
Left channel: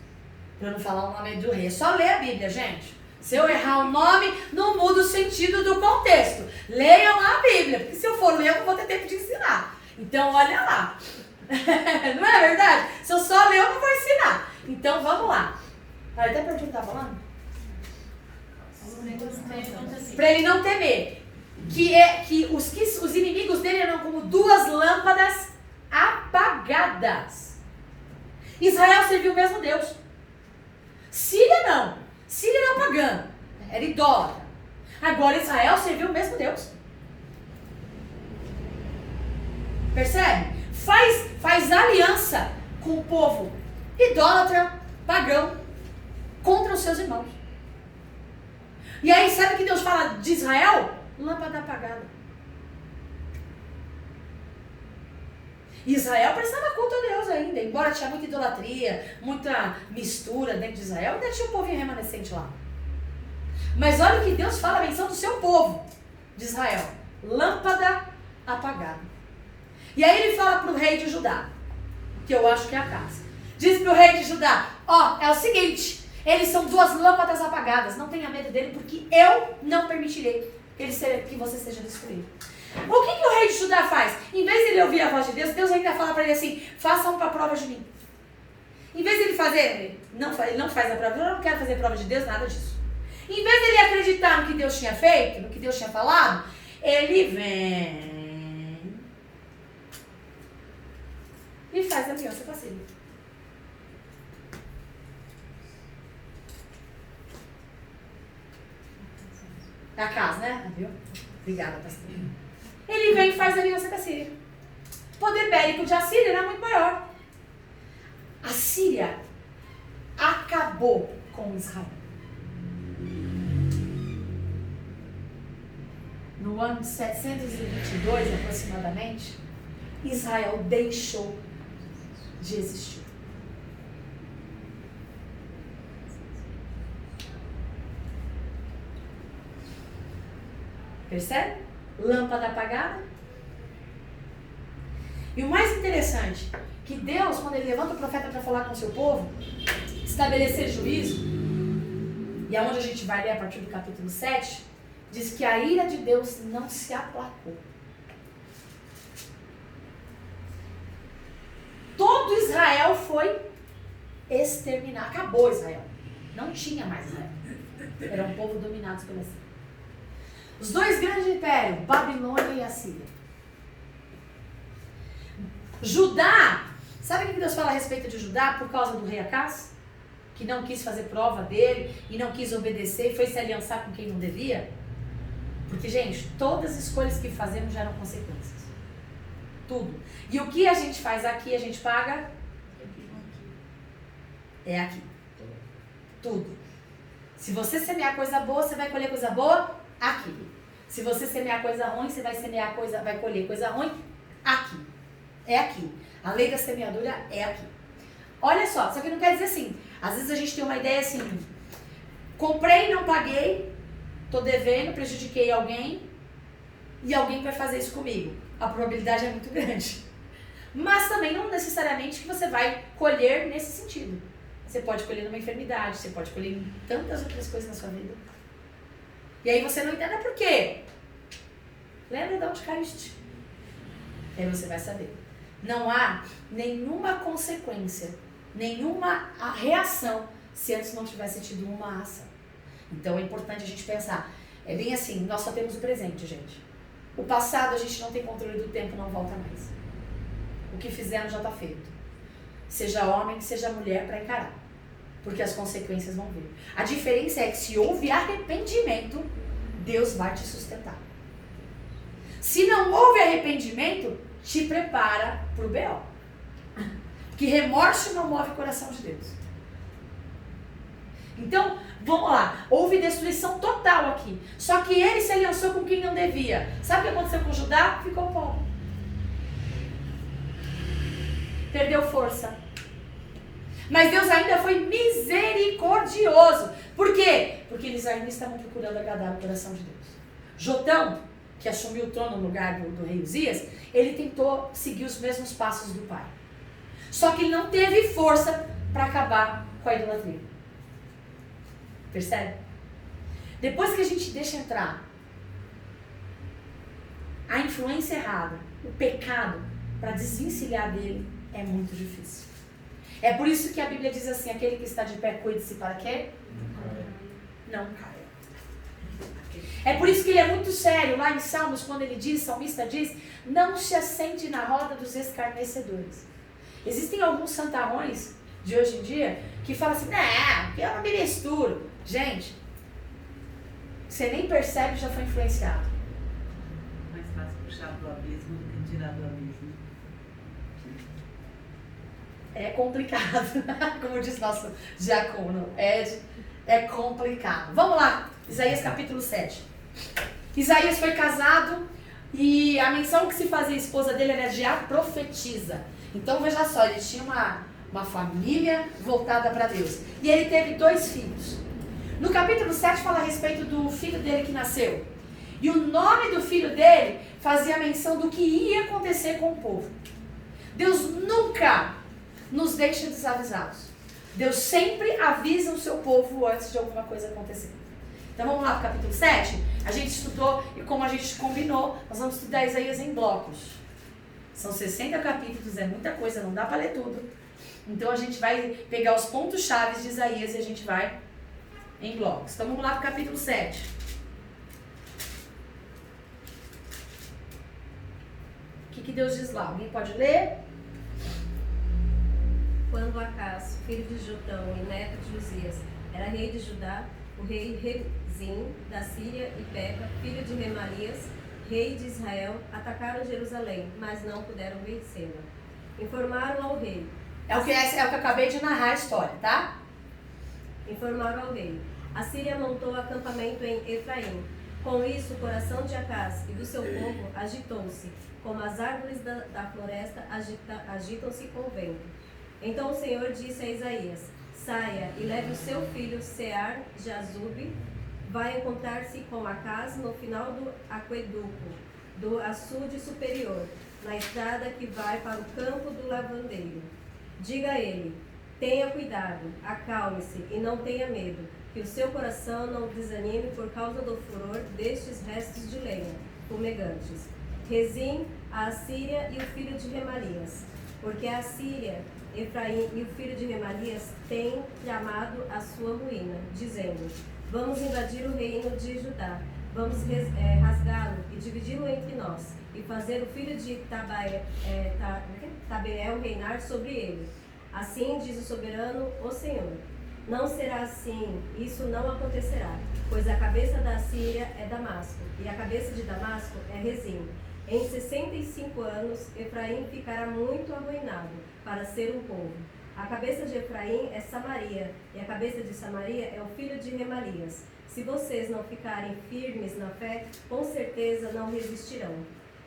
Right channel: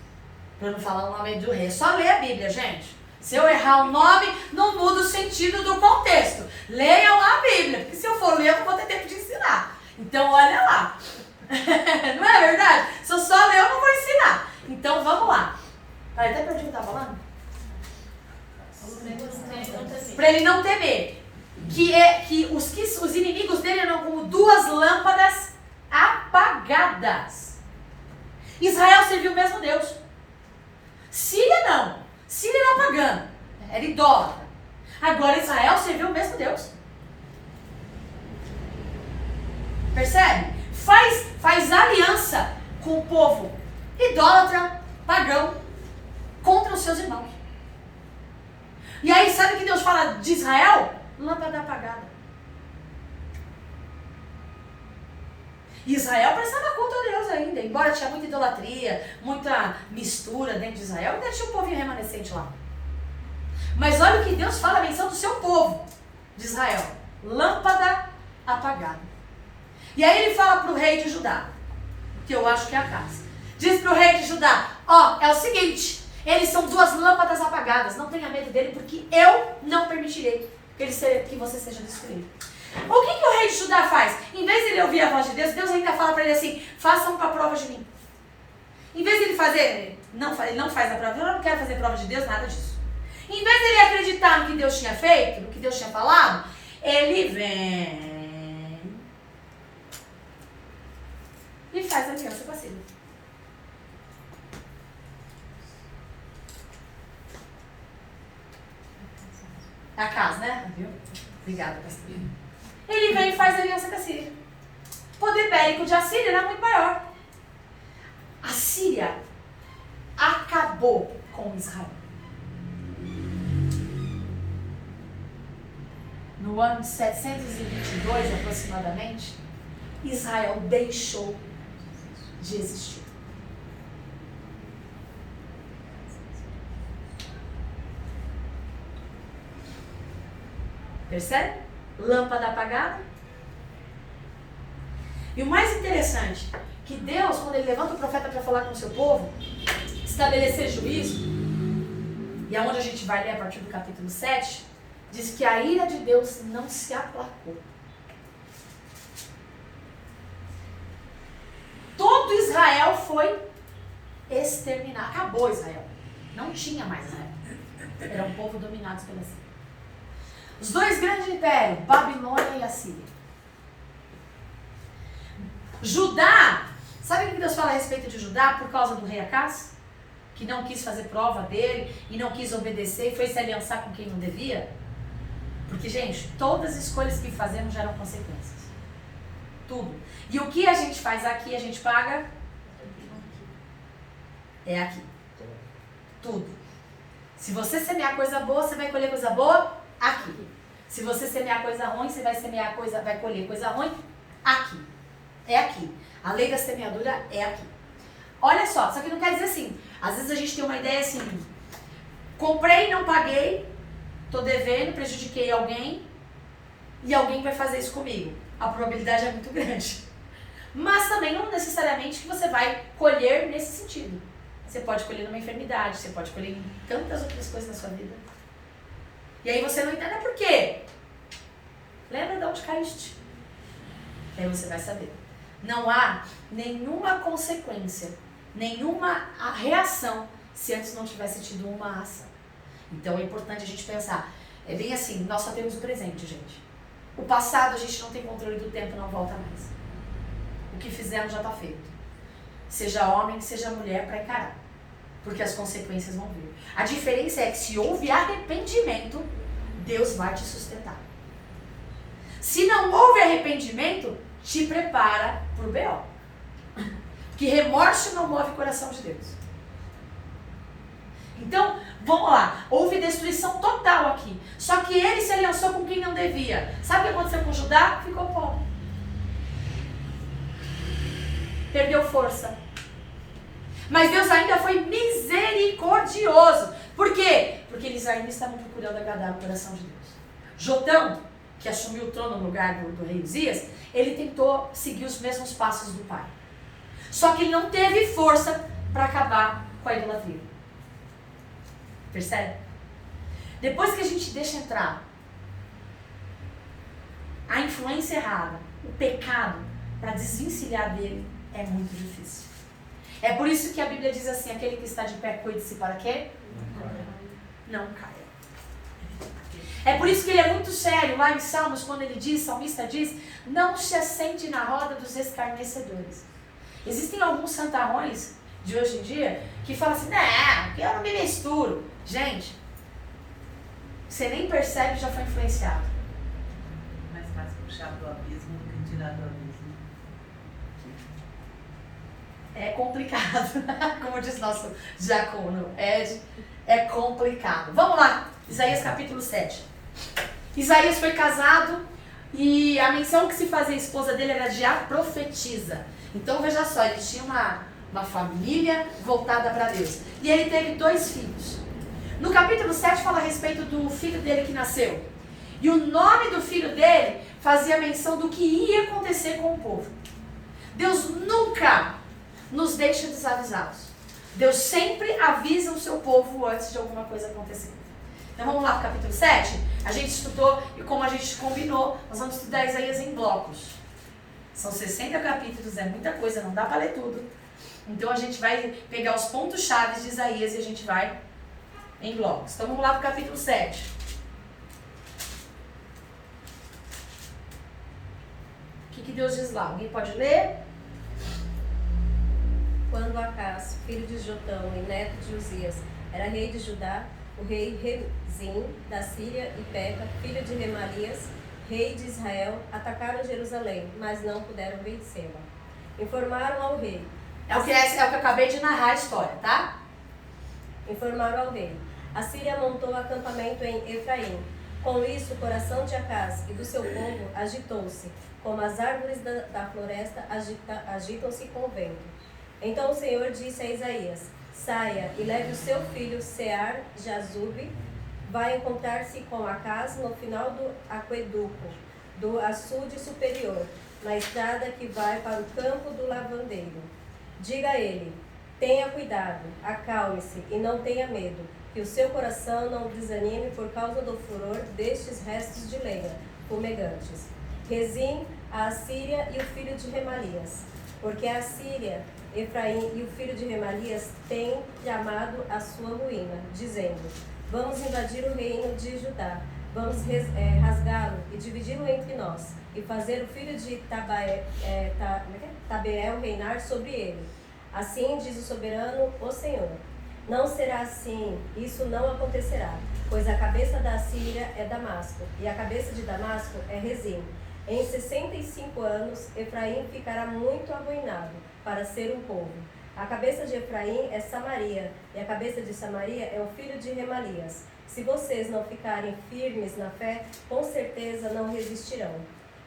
para não falar o nome do rei, é só ler a Bíblia, gente. Se eu errar o nome, não muda o sentido do contexto. Leiam lá a Bíblia, porque se eu for ler, eu não vou ter tempo de ensinar. Então, olha lá. Não é verdade? Se eu só ler, eu não vou ensinar. Então, vamos lá. Até para onde eu estava falando? Para ele não temer. Que os inimigos dele eram como duas lâmpadas apagadas. Israel serviu o mesmo Deus. Síria não. Síria era pagã, era idólatra. Agora Israel serviu o mesmo Deus. Percebe? Faz aliança com o povo idólatra, pagão, contra os seus irmãos. E aí sabe o que Deus fala de Israel? Lâmpada apagada. Israel prestava culto a Deus ainda, embora tinha muita idolatria, muita mistura dentro de Israel, ainda tinha um povinho remanescente lá. Mas olha o que Deus fala, a menção do seu povo de Israel, lâmpada apagada. E aí ele fala para o rei de Judá, que eu acho que é Acás, diz para o rei de Judá, é o seguinte, eles são duas lâmpadas apagadas, não tenha medo dele, porque eu não permitirei que você seja destruído. O que o rei de Judá faz? Em vez de ele ouvir a voz de Deus, Deus ainda fala para ele assim, faça uma prova de mim. Em vez de ele fazer, ele não faz a prova, eu não quero fazer prova de Deus, nada disso. Em vez de ele acreditar no que Deus tinha feito, no que Deus tinha falado, ele vem e faz aliança com a Síria. Acás, né? Viu? Obrigada, pastor. Ele vem e faz aliança com a Síria. O poder bélico de Assíria era muito maior. A Síria acabou com Israel. No ano 722, aproximadamente, Israel deixou de existir. Percebe? Lâmpada apagada. E o mais interessante, que Deus, quando ele levanta o profeta para falar com o seu povo, estabelecer juízo, e é onde a gente vai ler a partir do capítulo 7, diz que a ira de Deus não se aplacou. todo Israel foi exterminado. Acabou Israel. Não tinha mais Israel. Era um povo dominado pela Síria. Os dois grandes impérios, Babilônia e Assíria. Judá, sabe o que Deus fala a respeito de Judá por causa do rei Acaz? Que não quis fazer prova dele e não quis obedecer e foi se aliançar com quem não devia? Porque, gente, todas as escolhas que fazemos geram consequências. Tudo. E o que a gente faz aqui, a gente paga? É aqui. Tudo. Se você semear coisa boa, você vai colher coisa boa aqui. Se você semear coisa ruim, você vai colher coisa ruim aqui. É aqui. A lei da semeadura é aqui. Olha só que não quer dizer assim. Às vezes a gente tem uma ideia assim: comprei, não paguei, tô devendo, prejudiquei alguém e alguém vai fazer isso comigo. A probabilidade é muito grande. Mas também não necessariamente que você vai colher nesse sentido. Você pode colher numa enfermidade, você pode colher em tantas outras coisas na sua vida. E aí você não entende por quê. Lembra de onde caíste? E aí você vai saber. Não há nenhuma consequência, nenhuma reação se antes não tivesse tido uma ação. Então é importante a gente pensar. É bem assim, nós só temos o presente, gente. O passado a gente não tem controle do tempo, não volta mais. O que fizemos já está feito. Seja homem, seja mulher, para encarar. Porque as consequências vão vir. A diferença é que se houve arrependimento, Deus vai te sustentar. Se não houve arrependimento, te prepara para o B.O. Porque remorso não move o coração de Deus. Então, vamos lá. Houve destruição total aqui. Só que ele se aliançou com quem não devia. Sabe o que aconteceu com Judá? Ficou pobre. Perdeu força. Mas Deus ainda foi misericordioso. Por quê? Porque eles ainda estavam procurando agradar o coração de Deus. Jotão, que assumiu o trono no lugar do rei Uzias, ele tentou seguir os mesmos passos do pai. Só que ele não teve força para acabar com a idolatria. Percebe? Depois que a gente deixa entrar a influência errada, o pecado, para desvencilhar dele, é muito difícil. É por isso que a Bíblia diz assim: aquele que está de pé, cuide-se para quê? Não caia. É por isso que ele é muito sério lá em Salmos, quando ele diz, o salmista diz: não se assente na roda dos escarnecedores. Existem alguns santarrões de hoje em dia que falam assim: não, eu não me misturo. Gente, você nem percebe, já foi influenciado. Mais fácil puxar do abismo do que tirar do abismo. É complicado, como diz nosso diácono Ed, é complicado. Vamos lá, Isaías capítulo 7. Isaías foi casado e a menção que se fazia a esposa dele era de a profetisa. Então veja só, ele tinha uma família voltada para Deus. E ele teve 2 filhos. No capítulo 7 fala a respeito do filho dele que nasceu. E o nome do filho dele fazia menção do que ia acontecer com o povo. Deus nunca nos deixa desavisados. Deus sempre avisa o seu povo antes de alguma coisa acontecer. Então vamos lá para o capítulo 7. A gente estudou e como a gente combinou, nós vamos estudar Isaías em blocos. São 60 capítulos, é muita coisa, não dá para ler tudo. Então a gente vai pegar os pontos chaves de Isaías e a gente vai em blocos. Então vamos lá para o capítulo 7. O que Deus diz lá? Alguém pode ler? Quando Acaz, filho de Jotão e neto de Uzias, era rei de Judá, o rei Rezim da Síria e Peca, filho de Remalias, rei de Israel, atacaram Jerusalém, mas não puderam vencê-la. Informaram ao rei. É o que eu acabei de narrar a história, tá? Informaram ao rei. A Síria montou acampamento em Efraim. Com isso, o coração de Acaz e do seu povo agitou-se, como as árvores da floresta agitam-se com o vento. Então o Senhor disse a Isaías: saia e leve o seu filho Sear-Jazube, vai encontrar-se com Acaz no final do aqueduto, do açude superior, na estrada que vai para o campo do lavandeiro. Diga a ele: tenha cuidado, acalme-se e não tenha medo, que o seu coração não desanime por causa do furor destes restos de lenha fumegantes. Rezim, a Assíria e o filho de Remalias. porque a Síria, Efraim e o filho de Remalias têm tramado a sua ruína, dizendo: vamos invadir o reino de Judá, vamos rasgá-lo e dividi-lo entre nós, e fazer o filho de Tabeel reinar sobre ele. Assim diz o soberano, o Senhor: não será assim, isso não acontecerá, pois a cabeça da Síria é Damasco, e a cabeça de Damasco é Rezim. Em 65 anos, Efraim ficará muito arruinado para ser um povo. A cabeça de Efraim é Samaria, e a cabeça de Samaria é o filho de Remalias. Se vocês não ficarem firmes na fé, com certeza não resistirão.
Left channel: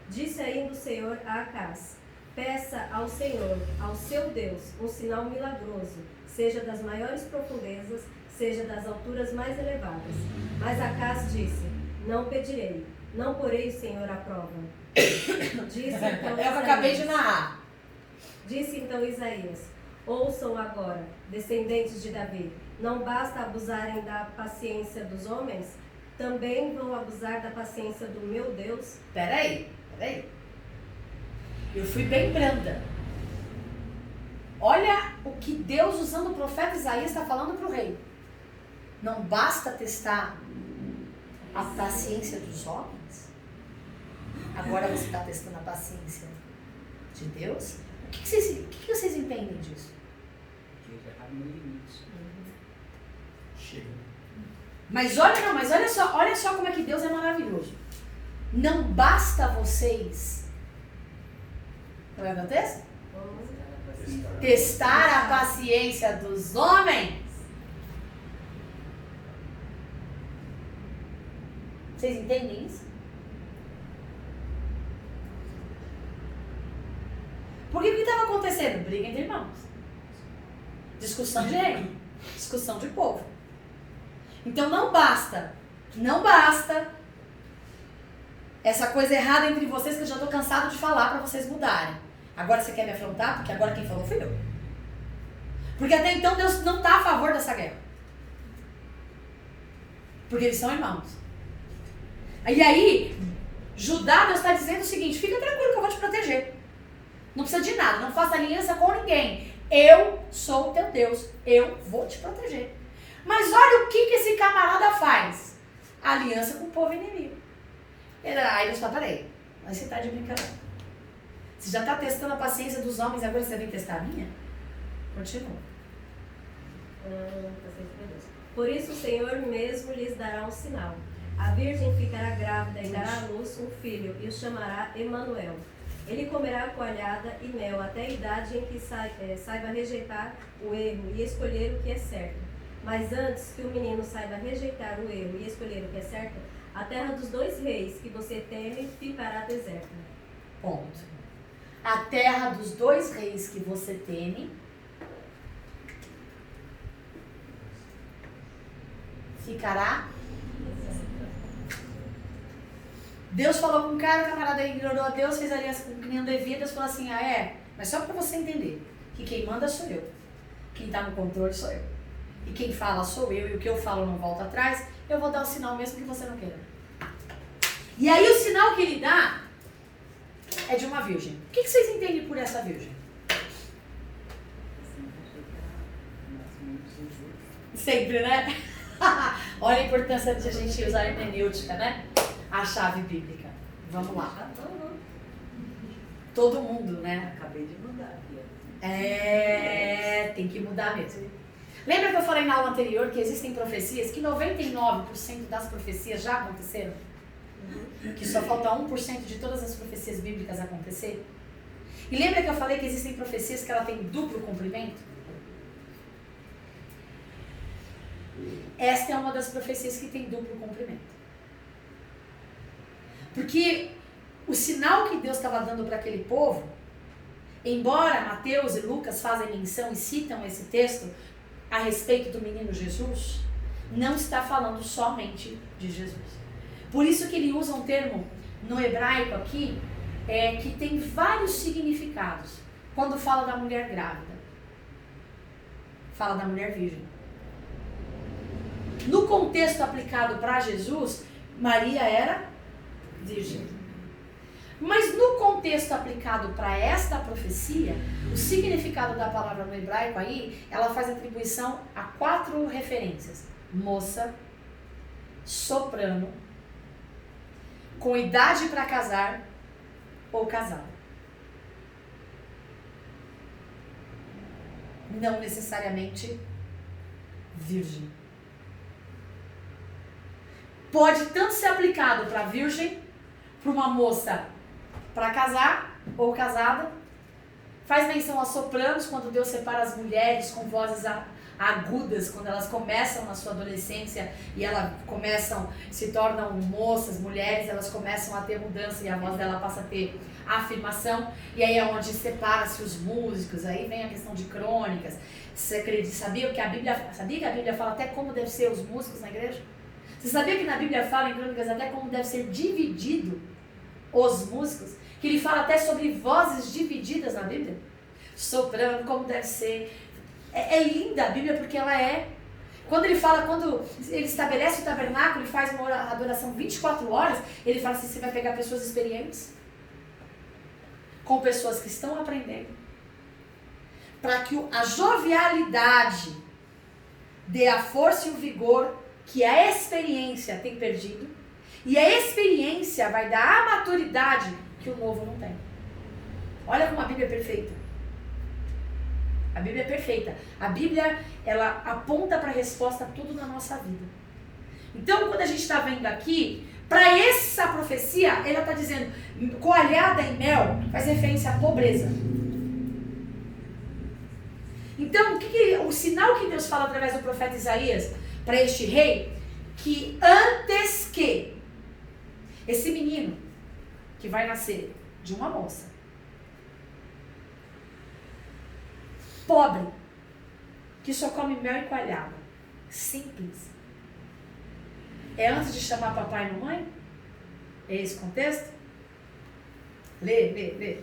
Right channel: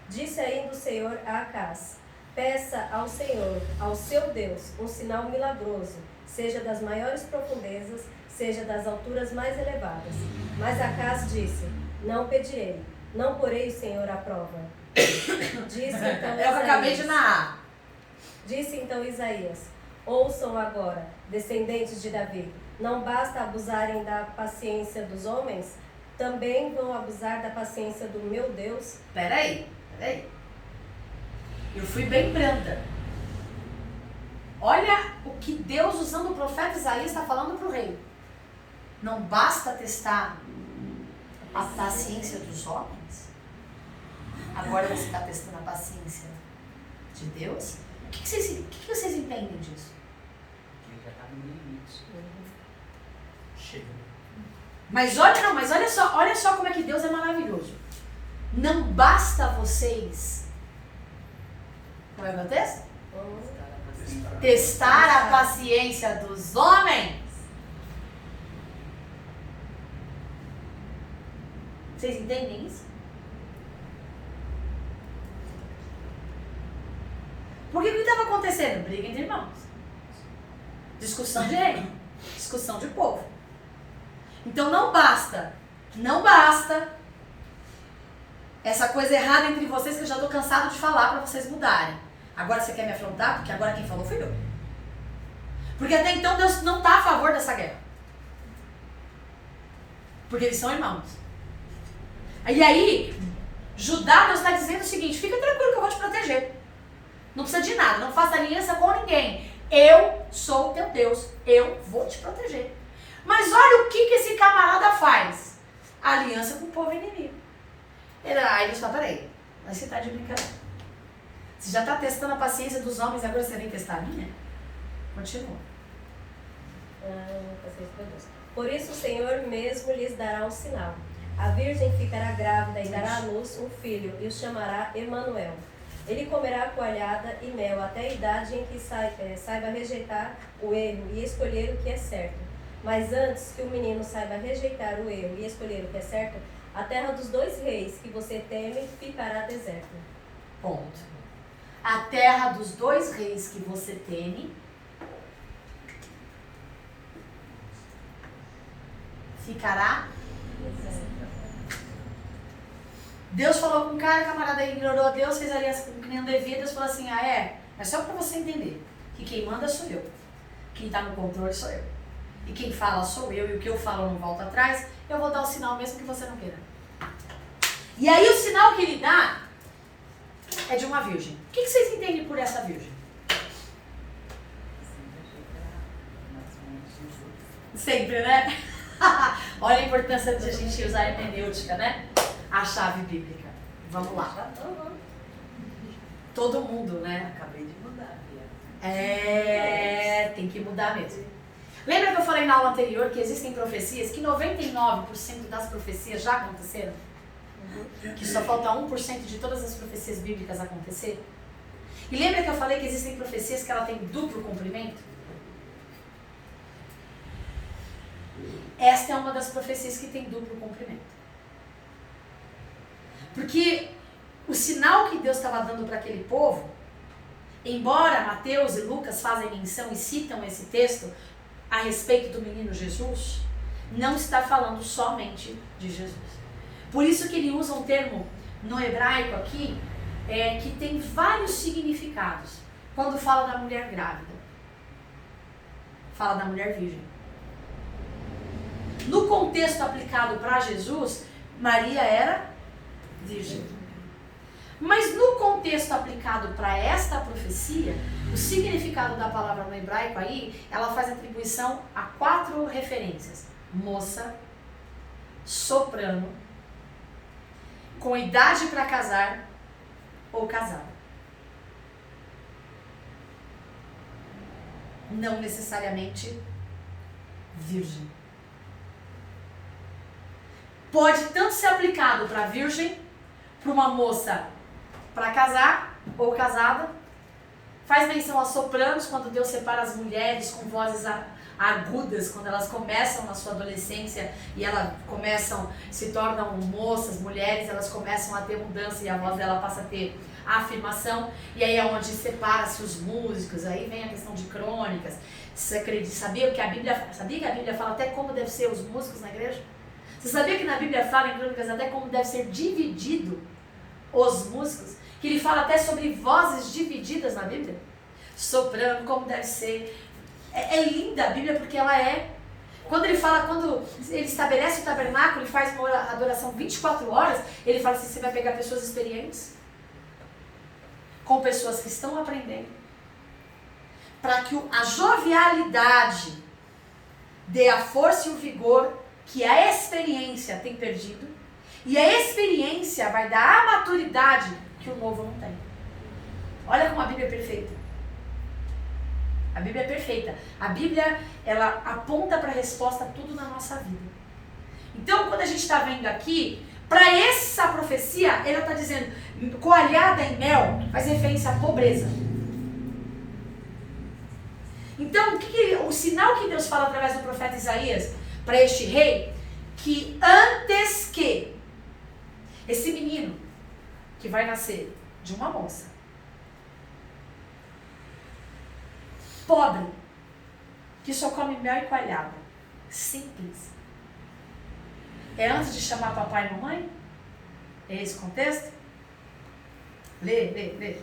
Disse ainda o Senhor a Acaz: peça ao Senhor, ao seu Deus, um sinal milagroso, seja das maiores profundezas, seja das alturas mais elevadas. Mas Acaz disse: não pedirei, não porei o Senhor à prova. Disse então Eu acabei de narrar. Disse então Isaías: ouçam agora, descendentes de Davi, não basta abusarem da paciência dos homens, também vão abusar da paciência do meu Deus? Peraí. Eu fui bem branda. Olha o que Deus, usando o profeta Isaías, está falando para o rei. Não basta testar a paciência dos homens? Agora você está testando a paciência de Deus? O que vocês entendem disso? Ele já está no limite. Chega. Mas olha só como é que Deus é maravilhoso. Não basta vocês, como é que acontece? Testar a paciência dos homens. Vocês entendem isso? Porque o que estava acontecendo? Briga entre irmãos. Discussão de reino. Discussão de povo. Então não basta essa coisa errada entre vocês que eu já estou cansado de falar para vocês mudarem. Agora você quer me afrontar? Porque agora quem falou fui eu. Porque até então Deus não está a favor dessa guerra. Porque eles são irmãos. E aí, Judá, Deus está dizendo o seguinte: fica tranquilo que eu vou te proteger. Não precisa de nada, não faça aliança com ninguém. Eu sou o teu Deus, eu vou te proteger. Mas olha o que esse camarada faz. Aliança com o povo inimigo. Aí Deus fala: peraí, mas você está de brincadeira. Você já está testando a paciência dos homens, agora você vem testar a minha? Continua. Por isso o Senhor mesmo lhes dará um sinal. A virgem ficará grávida e dará à luz um filho, e o chamará Emanuel. Ele comerá coalhada e mel até a idade em que saiba rejeitar o erro e escolher o que é certo. Mas antes que o menino saiba rejeitar o erro e escolher o que é certo, a terra dos 2 reis que você teme ficará deserta. Ponto. A terra dos 2 reis que você teme ficará. Deus falou com o cara, camarada ignorou a Deus, fez aliança com quem não devia. Deus falou assim: ah, é? Mas só para você entender que quem manda sou eu, quem está no controle sou eu, e quem fala sou eu, e o que eu falo não volta atrás. Eu vou dar o sinal mesmo que você não queira. E aí o sinal que ele dá é de uma virgem. O que vocês entendem por essa virgem? Sempre, né? Olha a importância de a gente usar a hermenêutica, né? A chave bíblica. Vamos lá. Todo mundo, né? Acabei de mudar aqui. Tem que mudar mesmo. Lembra que eu falei na aula anterior que existem profecias, que 99% das profecias já aconteceram? Que só falta 1% de todas as profecias bíblicas acontecer? E lembra que eu falei que existem profecias que ela tem duplo cumprimento? Esta é uma das profecias que tem duplo cumprimento. Porque o sinal que Deus estava dando para aquele povo, embora Mateus e Lucas fazem menção e citam esse texto a respeito do menino Jesus, não está falando somente de Jesus. Por isso que ele usa um termo no hebraico aqui, que tem vários significados. Quando fala da mulher grávida, fala da mulher virgem. No contexto aplicado para Jesus, Maria era virgem. Mas no contexto aplicado para esta profecia, o significado da palavra no hebraico aí, ela faz atribuição a 4 referências: moça, soprano, com idade para casar ou casada. Não necessariamente virgem. Pode tanto ser aplicado para virgem, para uma moça para casar ou casada. Faz menção a sopranos, quando Deus separa as mulheres com vozes agudas, quando elas começam na sua adolescência e elas se tornam moças, mulheres, elas começam a ter mudança e a voz dela passa a ter afirmação, e aí é onde separa-se os músicos. Aí vem a questão de crônicas. Você acredita, sabia que a Bíblia fala até como deve ser os músicos na igreja? Você sabia que na Bíblia fala em crônicas até como deve ser dividido os músicos? Que ele fala até sobre vozes divididas na Bíblia. Soprano, como deve ser. É linda a Bíblia porque ela é. Quando ele estabelece o tabernáculo, ele faz uma adoração 24 horas, ele fala assim: você vai pegar pessoas experientes, com pessoas que estão aprendendo, para que a jovialidade dê a força e o vigor que a experiência tem perdido, e a experiência vai dar a maturidade que o novo não tem. Olha como a Bíblia é perfeita. A Bíblia é perfeita. A Bíblia, ela aponta para a resposta a tudo na nossa vida. Então, quando a gente está vendo aqui, para essa profecia, ela está dizendo, coalhada em mel, faz referência à pobreza. Então, o sinal que Deus fala através do profeta Isaías para este rei, que antes que esse menino que vai nascer de uma moça pobre, que só come mel e coalhada, simples, é antes de chamar papai e mamãe? É esse o contexto? Lê.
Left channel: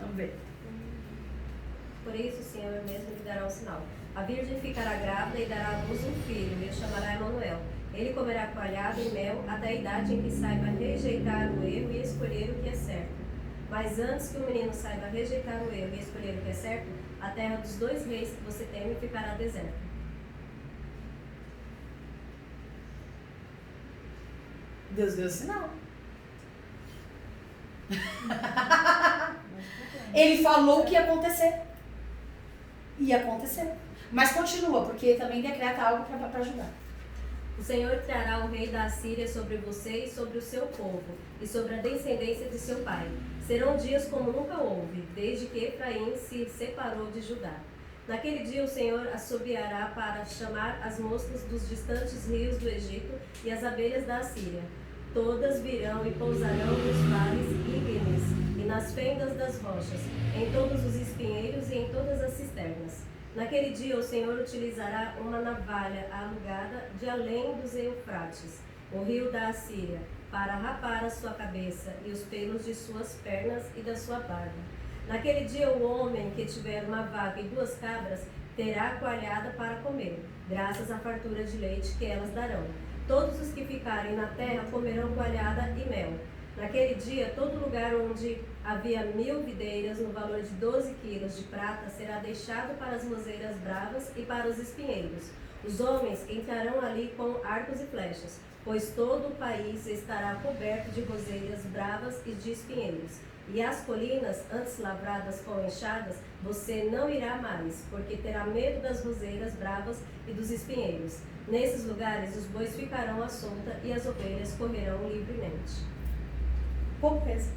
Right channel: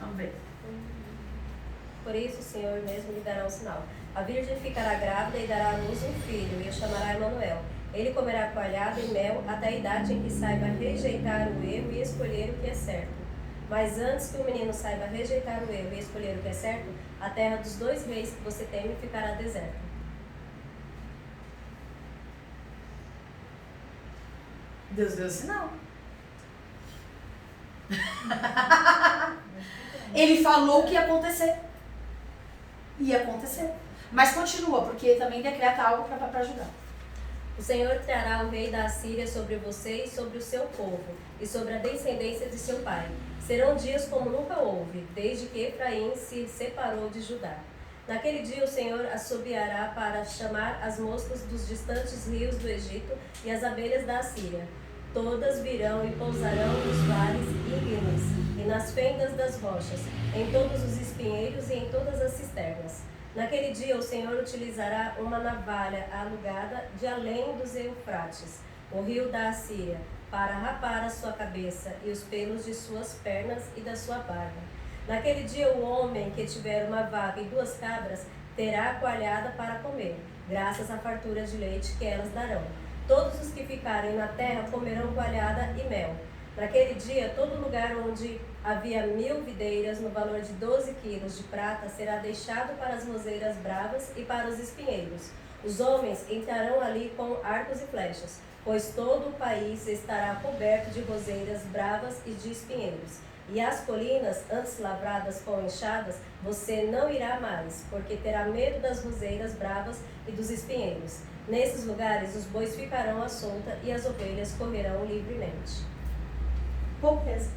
Vamos ver. Por isso o Senhor mesmo lhe dará um sinal. A virgem ficará grávida e dará à luz um filho, e o chamará Emanuel. Ele comerá coalhada e mel até a idade em que saiba rejeitar o erro e escolher o que é certo. Mas antes que o menino saiba rejeitar o erro e escolher o que é certo, a terra dos 2 reis que você teme ficará deserta. Deus deu sinal. Ele falou o que ia acontecer. Ia acontecer. Mas continua, porque também decreta algo para ajudar. O Senhor trará o rei da Assíria sobre você e sobre o seu povo, e sobre a descendência de seu pai. Serão dias como nunca houve, desde que Efraim se separou de Judá. Naquele dia o Senhor assobiará para chamar as moscas dos distantes rios do Egito e as abelhas da Assíria. Todas virão e pousarão nos vales íngremes e nas fendas das rochas, em todos os espinheiros e em todas as cisternas. Naquele dia o Senhor utilizará uma navalha alugada de além dos Eufrates, o rio da Assíria, para rapar a sua cabeça e os pelos de suas pernas e da sua barba. Naquele dia o homem que tiver uma vaca e 2 cabras terá coalhada para comer, graças à fartura de leite que elas darão. Todos os que ficarem na terra comerão coalhada e mel. Naquele dia, todo lugar onde havia 1000 videiras no valor de 12 quilos de prata será deixado para as roseiras bravas e para os espinheiros. Os homens entrarão ali com arcos e flechas, pois todo o país estará coberto de roseiras bravas e de espinheiros. E as colinas, antes lavradas com enxadas, você não irá mais, porque terá medo das roseiras bravas e dos espinheiros. Nesses lugares os bois ficarão à solta e as ovelhas correrão livremente. Pobreza.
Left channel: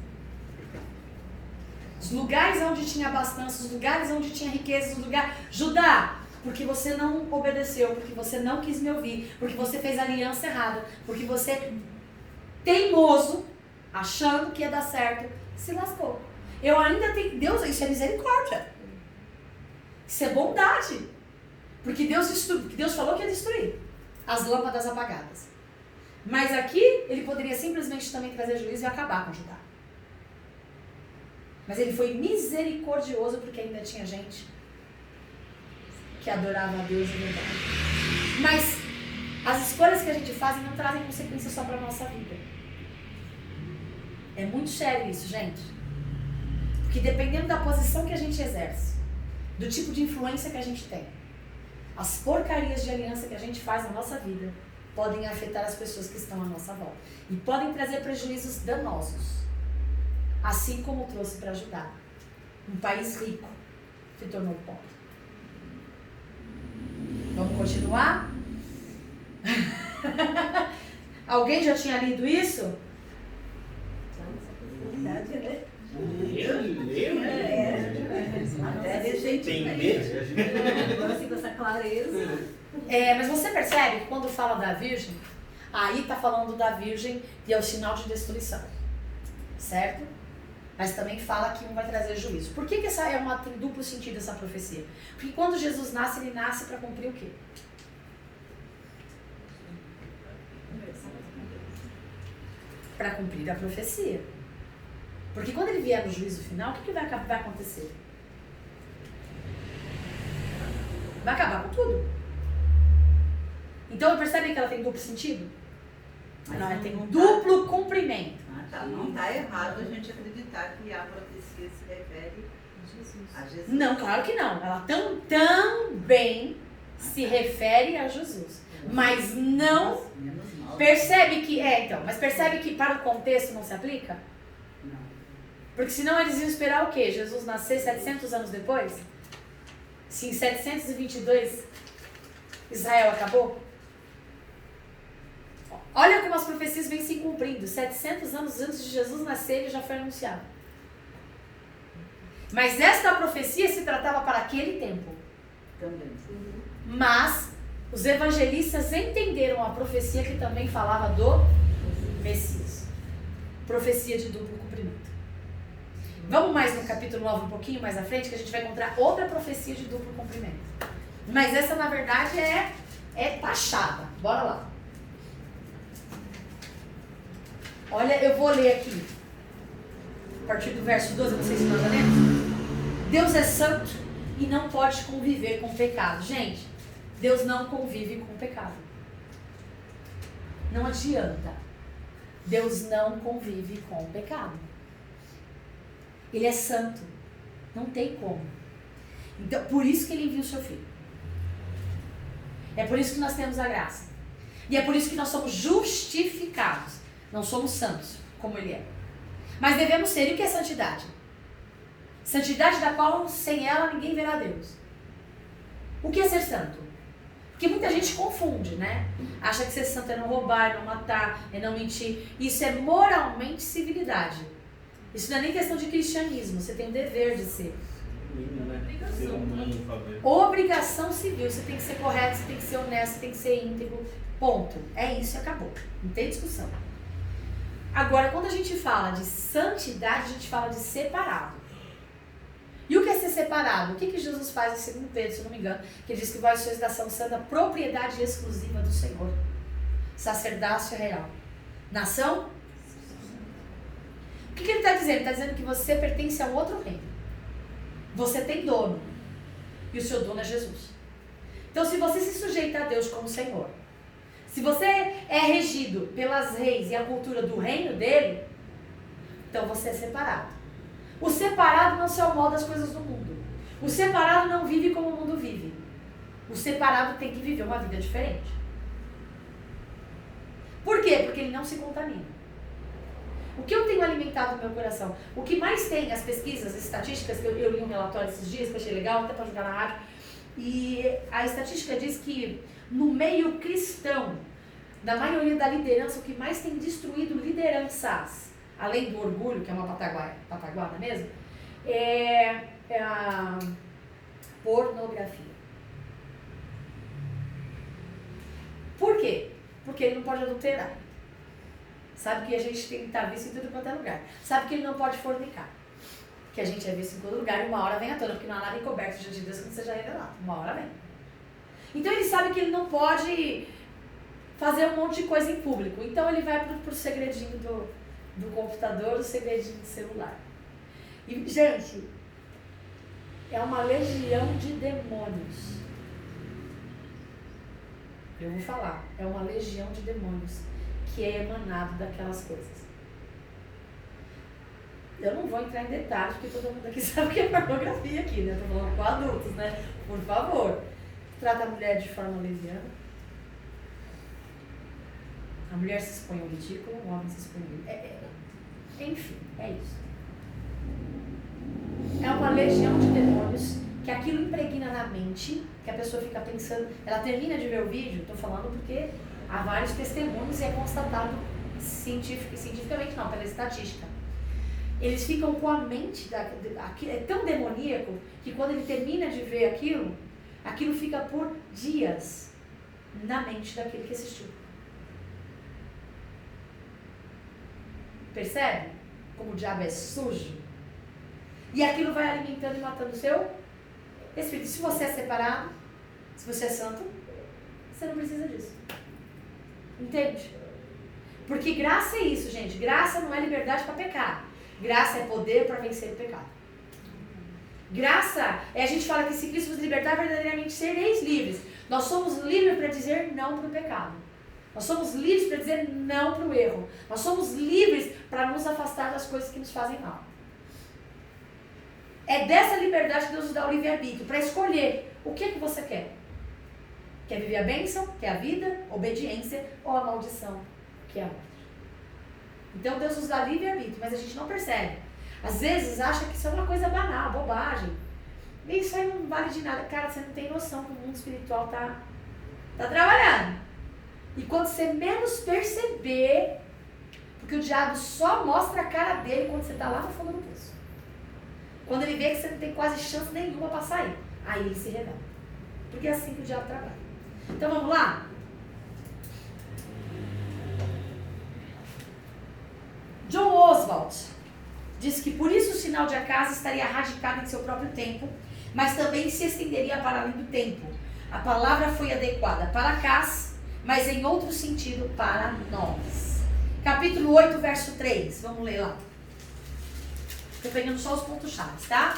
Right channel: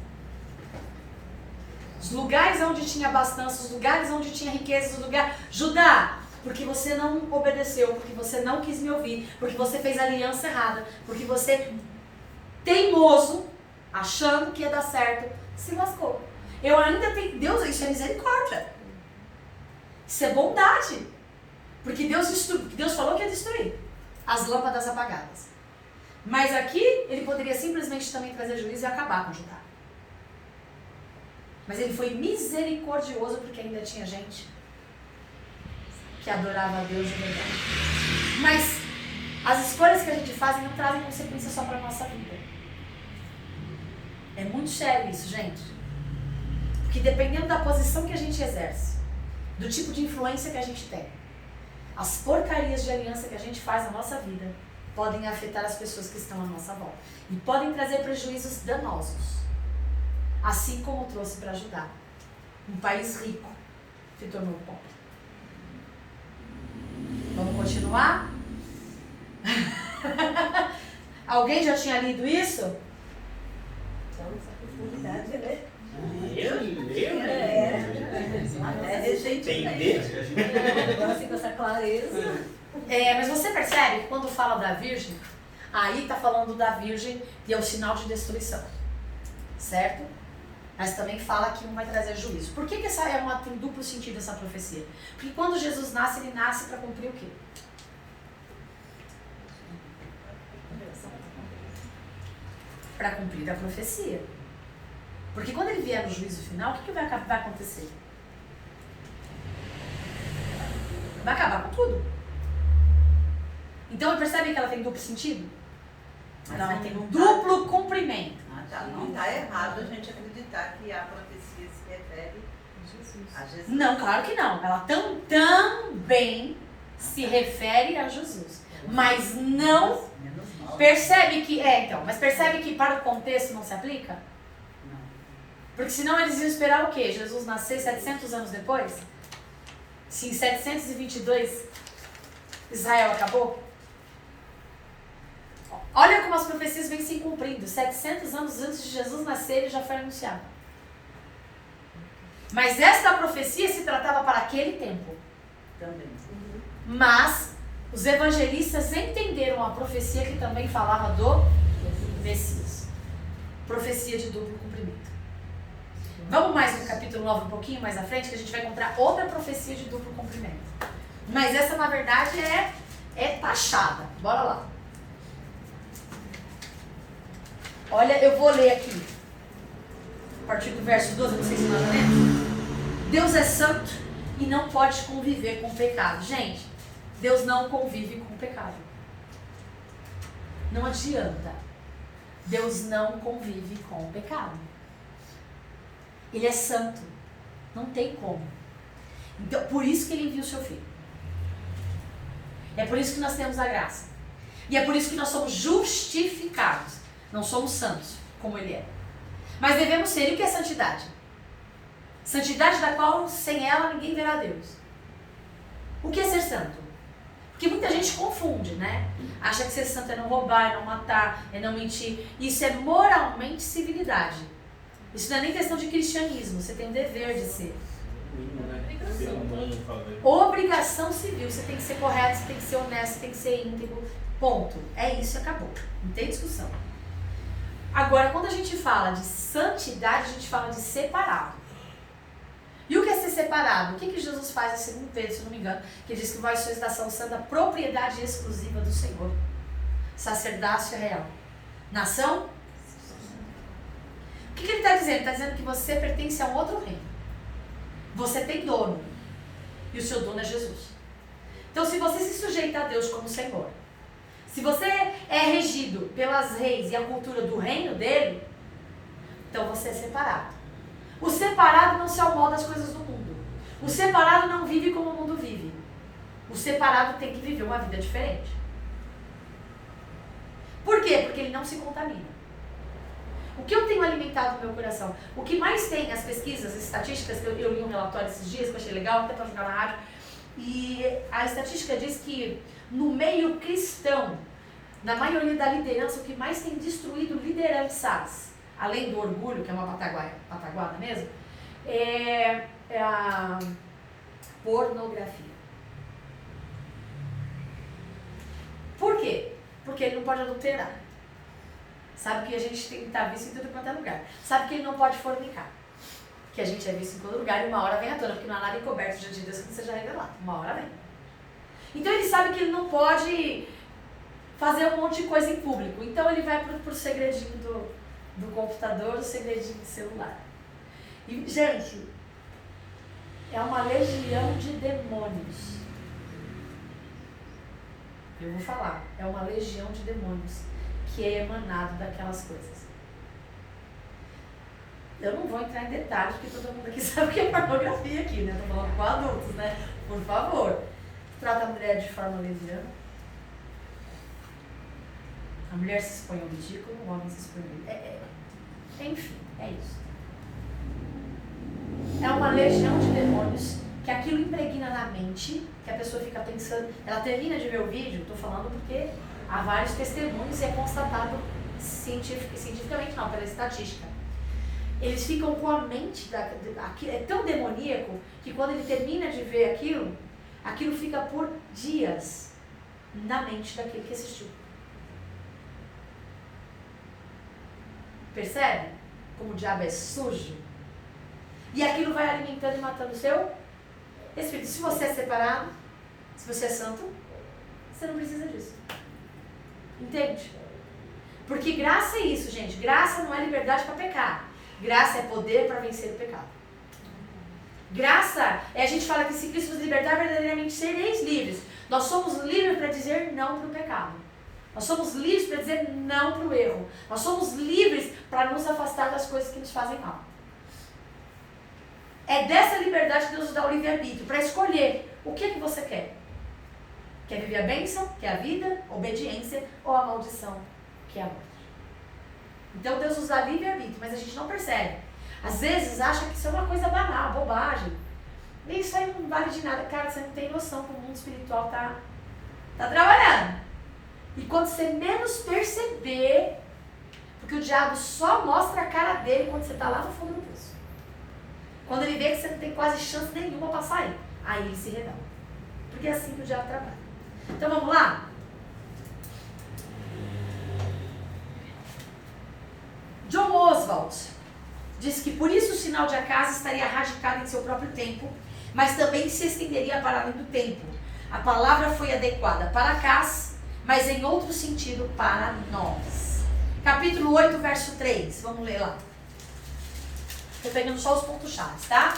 Os lugares onde tinha abastança, os lugares onde tinha riqueza, Judá, porque você não obedeceu, porque você não quis me ouvir, porque você fez aliança errada, porque você, teimoso, achando que ia dar certo, se lascou. Eu ainda tenho, Deus, isso é misericórdia. Isso é bondade. Porque Deus falou que ia destruir as lâmpadas apagadas. Mas aqui, ele poderia simplesmente também trazer juízo e acabar com Judá. Mas ele foi misericordioso porque ainda tinha gente que adorava a Deus de verdade. Mas as escolhas que a gente faz não trazem consequências só para a nossa vida. É muito sério isso, gente. Porque dependendo da posição que a gente exerce, do tipo de influência que a gente tem, as porcarias de aliança que a gente faz na nossa vida podem afetar as pessoas que estão à nossa volta. E podem trazer prejuízos danosos. Assim como trouxe para ajudar. Um país rico se tornou pobre. Vamos continuar? Alguém já tinha lido isso? Até recentemente. Assim, com essa clareza. Mas você percebe que quando fala da virgem, aí está falando da virgem e é o sinal de destruição. Certo? Mas também fala que um vai trazer juízo. Por que essa tem duplo sentido essa profecia? Porque quando Jesus nasce, ele nasce para cumprir o quê? Para cumprir a profecia. Porque quando ele vier no juízo final, o que vai acontecer? Vai acabar com tudo. Então, percebem que ela tem duplo sentido? Mas Não, não tem tá- duplo cumprimento. Não está errado a gente acreditar que a profecia se refere a Jesus. Não, claro que não. Ela também se refere a Jesus. Mas não... Menos mal. Percebe que... mas percebe que para o contexto não se aplica? Não. Porque senão eles iam esperar o quê? Jesus nascer 700 anos depois? Se em 722 Israel acabou? Olha como as profecias vêm se cumprindo. 700 anos antes de Jesus nascer, ele já foi anunciado. Mas esta profecia se tratava para aquele tempo. Também. Mas os evangelistas entenderam a profecia que também falava do Messias. Profecia de duplo cumprimento. Vamos mais no capítulo 9, um pouquinho mais à frente, que a gente vai encontrar outra profecia de duplo cumprimento. Mas essa, na verdade, é taxada. Bora lá. Olha, eu vou ler aqui. A partir do verso 12, não sei se nós já lemos. Deus é santo e não pode conviver com o pecado. Gente, Deus não convive com o pecado. Não adianta. Deus não convive com o pecado. Ele é santo. Não tem como. Então, por isso que ele envia o seu filho. É por isso que nós temos a graça. E é por isso que nós somos justificados. Não somos santos, como ele é. Mas devemos ser. E o que é santidade? Santidade da qual, sem ela, ninguém verá Deus. O que é ser santo? Porque muita gente confunde, né? Acha que ser santo é não roubar, é não matar, é não mentir. Isso é moralmente civilidade. Isso não é nem questão de cristianismo. Você tem o dever de ser. Obrigação civil. Você tem que ser correto, você tem que ser honesto, você tem que ser íntegro. Ponto. É isso e acabou. Não tem discussão. Agora, quando a gente fala de santidade, a gente fala de separado. E o que é ser separado? O que Jesus faz em 2 Pedro, se não me engano, que diz que vós sois da nação santa, propriedade exclusiva do Senhor. Sacerdócio real. Nação? O que ele está dizendo? Ele está dizendo que você pertence a um outro reino. Você tem dono. E o seu dono é Jesus. Então, se você se sujeita a Deus como Senhor, se você é regido pelas leis e a cultura do reino dele, então você é separado. O separado não se amolda às coisas do mundo. O separado não vive como o mundo vive. O separado tem que viver uma vida diferente. Por quê? Porque ele não se contamina. O que eu tenho alimentado no meu coração? O que mais tem, as pesquisas, as estatísticas, que eu li um relatório esses dias, que eu achei legal, até para jogar na rádio, e a estatística diz que no meio cristão, na maioria da liderança, o que mais tem destruído lideranças, além do orgulho, que é uma pataguada mesmo, é a pornografia. Por quê? Porque ele não pode adulterar. Sabe que a gente tem que estar visto em tudo quanto é lugar. Sabe que ele não pode fornicar. Que a gente é visto em todo lugar e uma hora vem à tona, porque não há nada encoberto diante de Deus que não seja revelado. Uma hora vem. Então ele sabe que ele não pode fazer um monte de coisa em público. Então ele vai pro segredinho do computador, o segredinho do celular. E, gente, é uma legião de demônios. Eu vou falar. É uma legião de demônios que é emanado daquelas coisas. Eu não vou entrar em detalhes, porque todo mundo aqui sabe o que é pornografia aqui, né? Tô falando com adultos, né? Por favor. Trata a mulher de forma leviana. A mulher se expõe ao ridículo, o homem se expõe ao ridículo. Enfim, é isso. É uma legião de demônios que aquilo impregna na mente, que a pessoa fica pensando, ela termina de ver o vídeo, estou falando porque há vários testemunhos e é constatado cientificamente não, pela estatística. Eles ficam com a mente, é tão demoníaco que quando ele termina de ver aquilo fica por dias na mente daquele que assistiu. Percebe? Como o diabo é sujo? E aquilo vai alimentando e matando o seu espírito. Se você é separado, se você é santo, você não precisa disso. Entende? Porque graça é isso, gente. Graça não é liberdade para pecar. Graça é poder para vencer o pecado. Graça é a gente fala que se Cristo nos libertar, verdadeiramente sereis livres. Nós somos livres para dizer não para o pecado. Nós somos livres para dizer não para o erro. Nós somos livres para nos afastar das coisas que nos fazem mal. É dessa liberdade que Deus nos dá o livre-arbítrio, para escolher o que você quer. Quer viver a bênção, que é a vida, a obediência, ou a maldição, que é a morte. Então Deus nos dá livre-arbítrio, mas a gente não percebe. Às vezes acha que isso é uma coisa banal, bobagem. E isso aí não vale de nada. Cara, você não tem noção que o mundo espiritual tá trabalhando. E quando você menos perceber, porque o diabo só mostra a cara dele quando você está lá no fundo do poço. Quando ele vê que você não tem quase chance nenhuma para sair, aí ele se revela. Porque é assim que o diabo trabalha. Então vamos lá? John Oswald diz que por isso o sinal de acaso estaria radicado em seu próprio tempo, mas também se estenderia para além do tempo. A palavra foi adequada para acaso, mas em outro sentido para nós. Capítulo 8, verso 3. Vamos ler lá. Estou pegando só os pontos-chave, tá?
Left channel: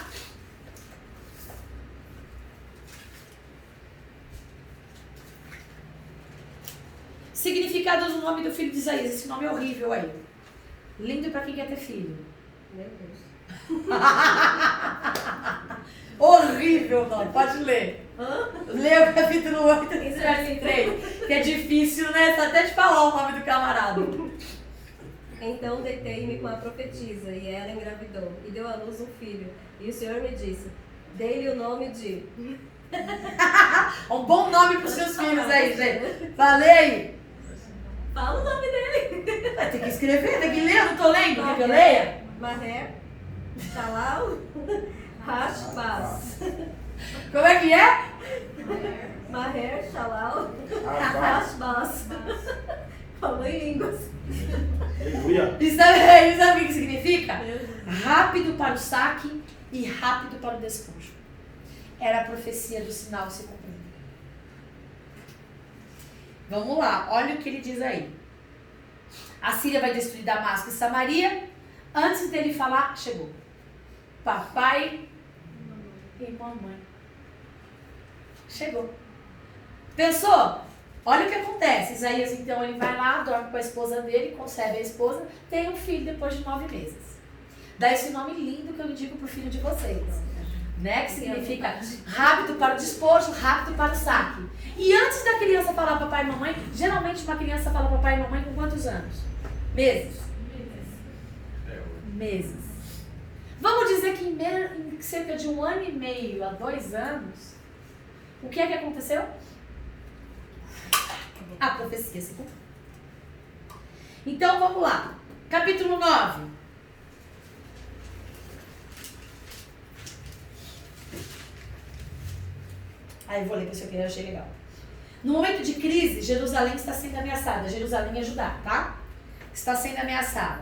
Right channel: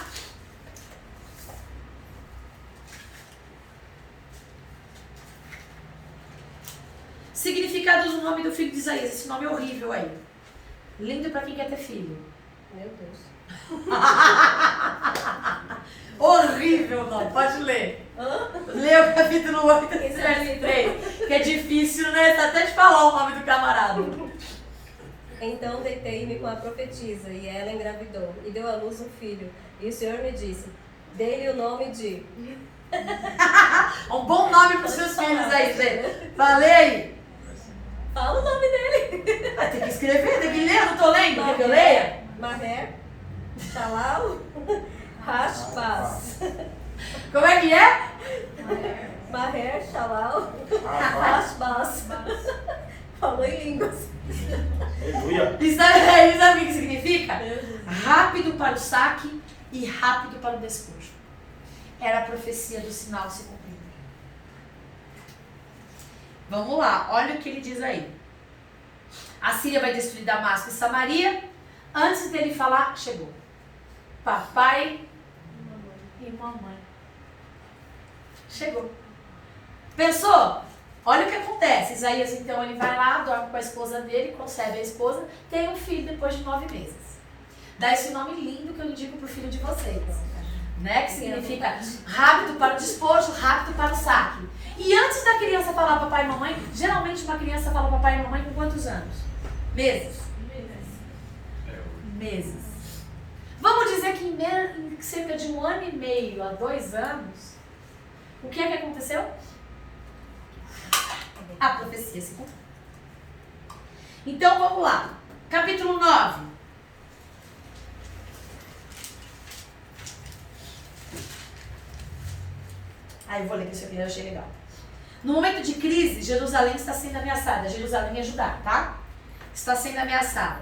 Significado do nome do filho de Isaías. Esse nome é horrível aí. Lindo para quem quer ter filho. Meu Deus. Horrível não, pode ler. Lê o capítulo 8, verso 3. Que é difícil, né? Tá até de falar o nome do camarada. Então deitei-me com a profetisa, e ela engravidou, e deu à luz um filho. E o Senhor me disse, dê-lhe o nome de... Um bom nome para os seus filhos aí, gente. Falei aí. Fala o nome dele. Vai ter que escrever, tem que ler, eu não tô lendo. Quer que eu leia? Maher, Shalal, Hashbaz. Como é que é? Maher, Shalal, Hashbaz. Falou em línguas. Aleluia. E sabe o que significa? Rápido para o saque e rápido para o despojo. Era a profecia do sinal se cumprindo. Vamos lá, olha o que ele diz aí. A Síria vai destruir Damasco e Samaria. Antes dele falar, chegou. Papai e mamãe. Chegou. Pensou? Olha o que acontece. Isaías, então, ele vai lá, dorme com a esposa dele, concebe a esposa, tem um filho depois de 9 meses. Dá esse nome lindo que eu indico pro filho de vocês. Né? Que significa rápido para o despojo, rápido para o saque. E antes da criança falar papai e mamãe, geralmente uma criança fala papai e mamãe com quantos anos? Meses. Meses. Vamos dizer que em cerca de 1 ano e meio a 2 anos, o que é que aconteceu? A profecia se cumpriu. Então vamos lá. Capítulo 9. Aí eu vou ler que isso aqui eu achei legal. No momento de crise, Jerusalém está sendo ameaçada. Jerusalém é Judá, tá? Está sendo ameaçada.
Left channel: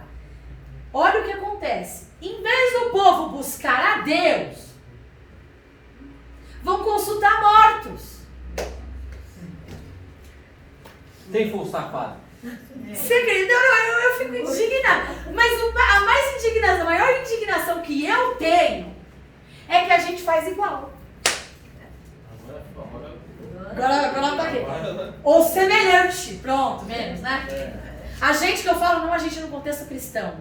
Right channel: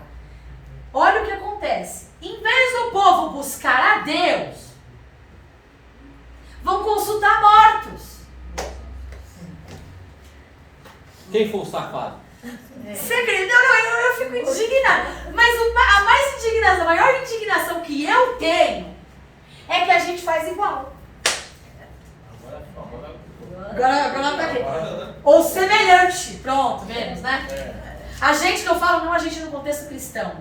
Olha o que acontece. Em vez do povo buscar a Deus, vão consultar mortos. Quem foi o safado? Você acredita? Não, eu fico indignada. Mas a maior indignação que eu tenho é que a gente faz igual. Agora tá vendo. Ou semelhante. Pronto, menos, né? A gente que eu falo, não a gente no contexto cristão.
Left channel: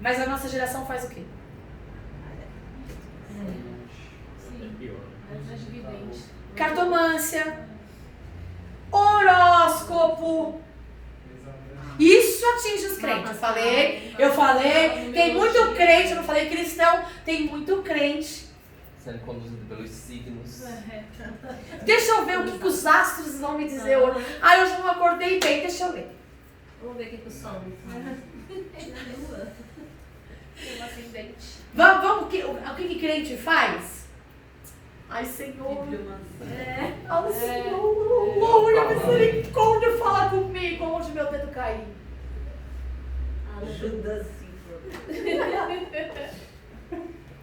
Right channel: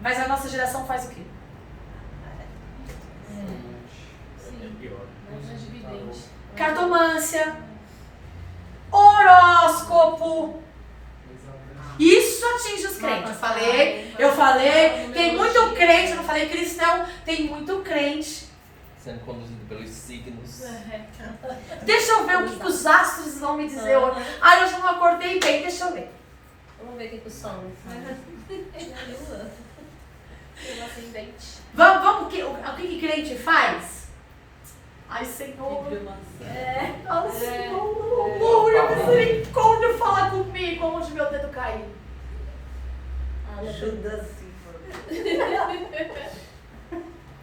Mas a nossa geração faz o quê? Pior. Mais evidente. Cartomância, horóscopo. Isso atinge os crentes. Eu falei, tem muito crente, eu não falei cristão, tem muito crente. Sendo conduzido pelos signos. Deixa eu ver o que os astros vão me dizer hoje. Ah, hoje eu não acordei bem, deixa eu ver. Vamos ver o que o som. Um ascendente. Vamos, o que crente faz? Ai, Senhor. Ai, Senhor, aleluia, misericórdia, fala comigo, onde meu dedo caiu. Ajuda sim,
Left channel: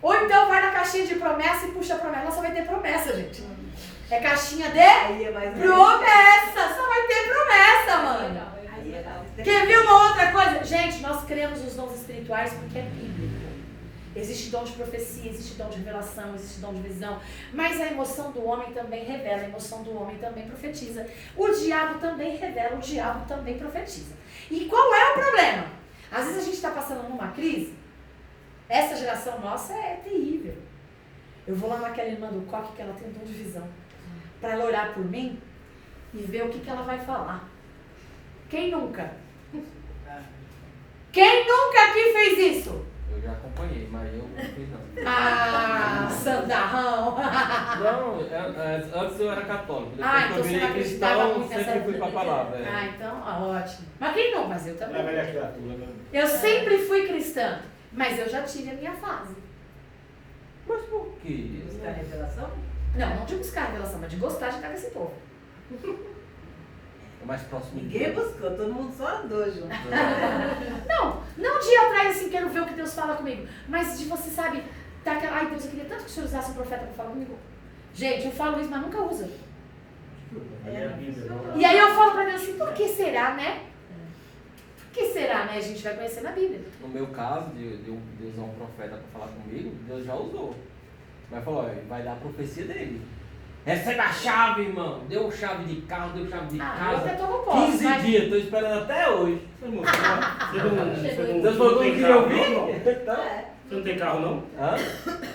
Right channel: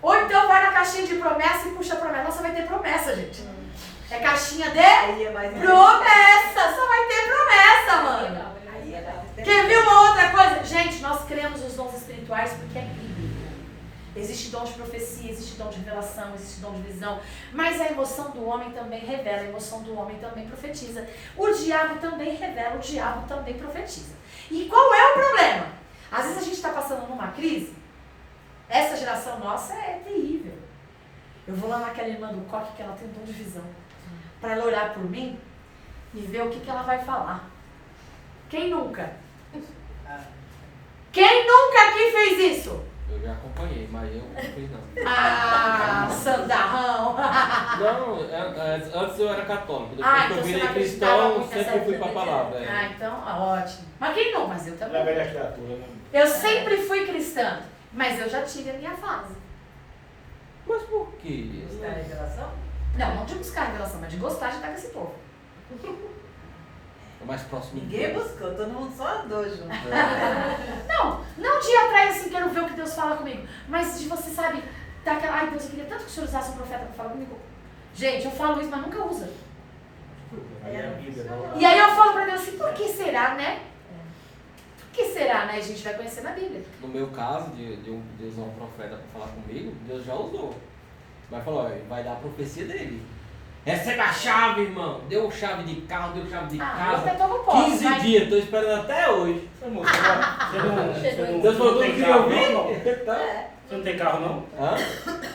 Ou então vai na caixinha de promessa e puxa a promessa. Nossa, vai ter promessa, gente. É caixinha de Aí é mais promessa. Só vai ter promessa, mano. Aí é mais Quer ver uma outra coisa? Gente, nós cremos os dons espirituais porque é bíblico. Existe dom de profecia, existe dom de revelação, existe dom de visão. Mas a emoção do homem também revela, a emoção do homem também profetiza. O diabo também revela, o diabo também profetiza. E qual é o problema? Às vezes a gente está passando numa crise. Essa geração nossa é terrível. Eu vou lá naquela irmã do coque que ela tem um dom de visão. Para ela orar por mim e ver o que ela vai falar. Quem nunca? Quem nunca aqui fez isso? Eu já acompanhei, mas eu não fiz não. Ah, sandarrão. Não, antes eu era católico, depois Ah, que então eu você virei não acreditava cristão, muito nessa sempre fui pra vida. palavra. Ah, então, ótimo. Mas quem não? Mas eu É a também. velha criatura, né? Eu sempre fui cristã, mas eu já tive a minha fase. Mas por quê? buscar revelação? Não de buscar a revelação, mas de gostar de estar com esse povo. É mais próximo de Ninguém Deus. buscou, todo mundo só andou junto. Não de ir atrás assim, quero ver o que Deus fala comigo, mas de você, sabe, tá aquela, ai Deus, eu queria tanto que o Senhor usasse um profeta para falar comigo. Gente, eu falo isso, mas nunca usa. Aí é a Bíblia, não. E aí eu falo pra Deus assim, por que será, né? Por que será, né? A gente vai conhecer na Bíblia. No meu caso, de usar um profeta para falar comigo, Deus já usou. Mas falou, ó, vai dar a profecia dele. Recebe a chave, irmão. Deu chave de carro, deu chave de Eu casa. até não posso, 15 mas... dias, tô esperando até hoje. Deus Você falou não que tem queria carro, ouvir? não? Então, Você não tem carro, não? hã?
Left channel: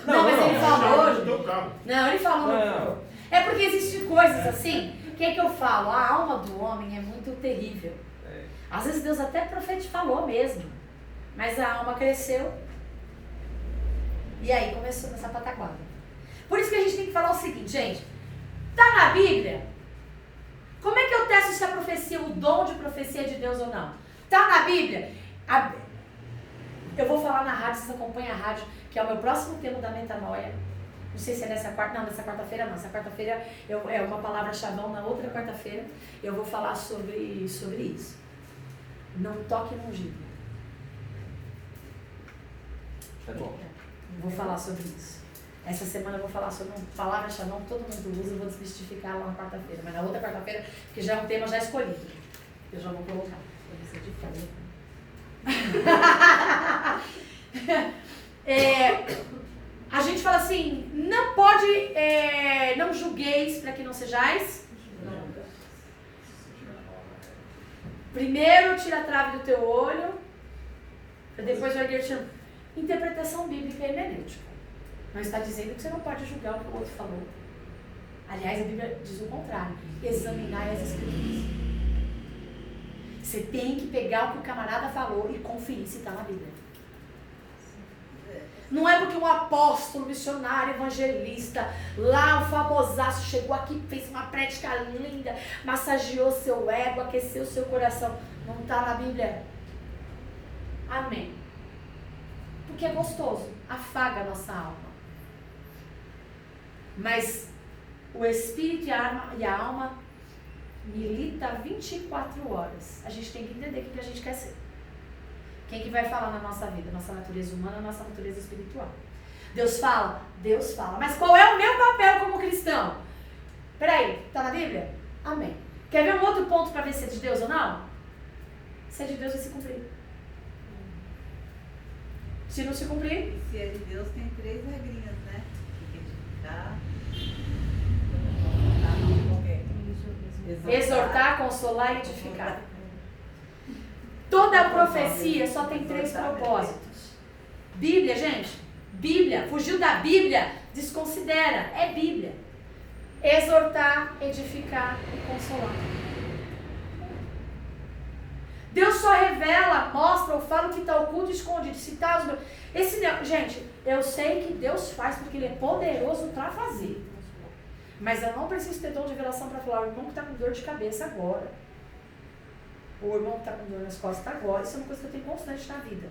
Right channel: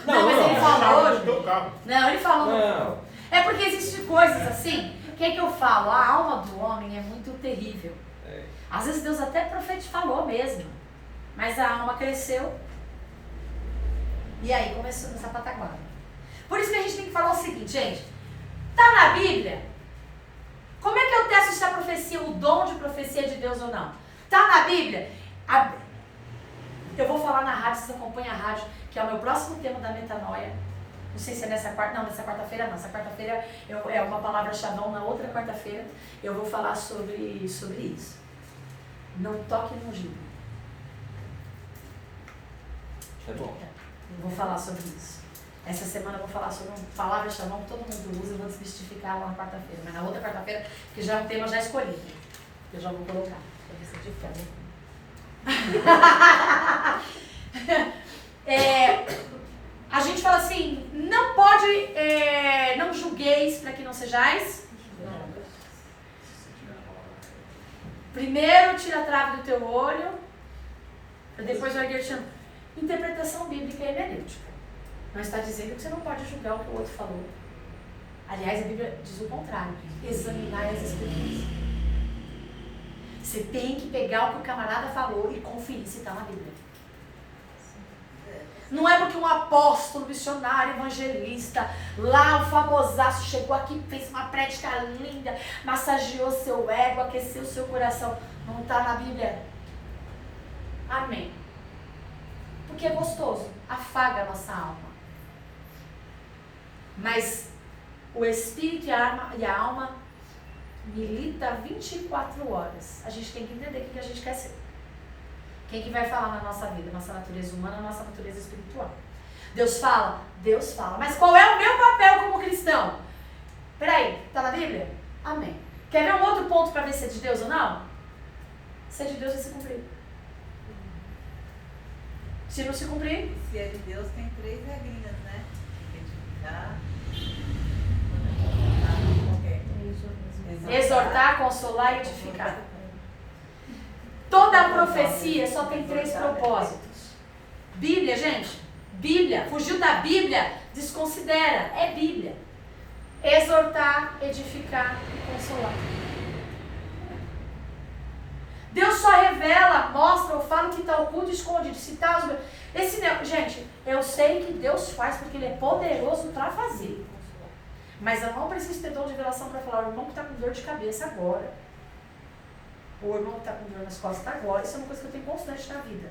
Não, mas ele falou. Não, teu carro. Não, ele falou. Não. É porque existem coisas assim, que é que eu falo? A alma do homem é muito terrível. É. Às vezes Deus até falou mesmo, mas a alma cresceu e aí começou nessa pataguada. Por isso que a gente tem que falar o seguinte, gente, tá na Bíblia? Como é que eu testo se a profecia, o dom de profecia é de Deus ou não? Tá na Bíblia? Eu vou falar na rádio, vocês acompanham a rádio, que é o meu próximo tema da metanoia. Não sei se é nessa quarta-feira não. Essa quarta-feira é uma palavra-chavão, na outra quarta-feira eu vou falar sobre isso. Não toque no ungido. É bom. Vou falar sobre isso. Essa semana eu vou falar sobre uma palavra-chavão que todo mundo usa, eu vou desmistificar lá na quarta-feira. Mas na outra quarta-feira, que já é um tema já escolhido. Eu já vou colocar. Pra ver se eu te a gente fala assim, não pode, não julgueis para que não sejais. Primeiro tira a trave do teu olho, depois vai dir interpretação bíblica e hermenêutica. Não está dizendo que você não pode julgar o que o outro falou. Aliás, a Bíblia diz o contrário, examinar as escrituras. Você tem que pegar o que o camarada falou e conferir se está na Bíblia. Não é porque um apóstolo, missionário, evangelista, lá um famosaço chegou aqui, fez uma prédica linda, massageou seu ego, aqueceu seu coração. Não está na Bíblia. Amém. Porque é gostoso, afaga a nossa alma. Mas o espírito e a alma milita 24 horas. A gente tem que entender o que a gente quer ser. Quem que vai falar na nossa vida? Nossa natureza humana, nossa natureza espiritual. Deus fala? Deus fala. Mas qual é o meu papel como cristão? Peraí, tá na Bíblia? Amém. Quer ver um outro ponto para ver se é de Deus ou não? Se é de Deus, vai se cumprir. Se não se cumprir... E se é de Deus, tem 3 regrinhas, né? Exortar, consolar e edificar. Toda a profecia só tem 3 propósitos. Bíblia, gente. Bíblia. Fugiu da Bíblia, desconsidera. É Bíblia. Exortar, edificar e consolar. Deus só revela, mostra ou fala o que está oculto e escondido. Se tá os meus... Gente, eu sei que Deus faz porque Ele é poderoso para fazer. Mas eu não preciso ter dom de revelação para falar, o irmão que está com dor de cabeça agora. O irmão que está com dor nas costas agora. Isso é uma coisa que eu tenho constante na vida.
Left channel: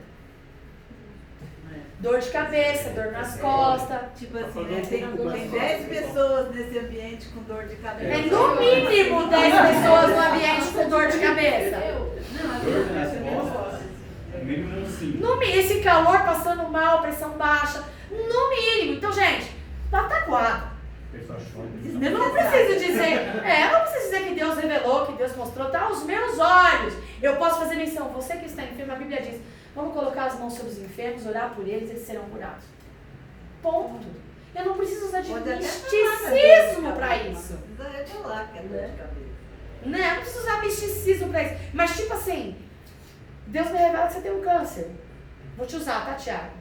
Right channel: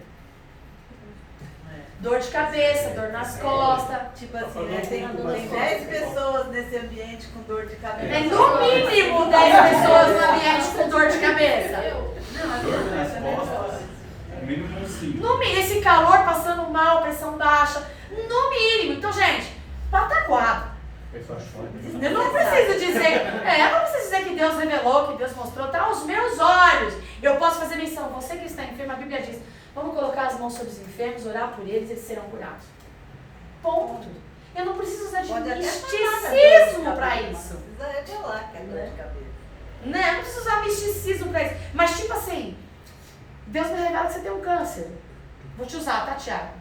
Dor de cabeça, dor nas costas. Tipo assim, né, tem 10 pessoas nesse ambiente com dor de cabeça. É no mínimo 10 pessoas no ambiente com dor de cabeça. Não, é Dor nas verdade. costas. É mínimo 5. No mínimo, esse calor passando mal, pressão baixa. No mínimo. Então, gente, pataquado. Eu não preciso dizer, eu não preciso dizer que Deus revelou, que Deus mostrou, tá aos meus olhos. Eu posso fazer menção, você que está enfermo, a Bíblia diz, vamos colocar as mãos sobre os enfermos, orar por eles, eles serão curados. Ponto. Eu não preciso usar de Pode até misticismo para isso. Precisa revelar que é dor de cabeça. Né? Eu não preciso usar misticismo para isso. Mas tipo assim, Deus me revela que você tem um câncer. Vou te usar, tá, Tiago?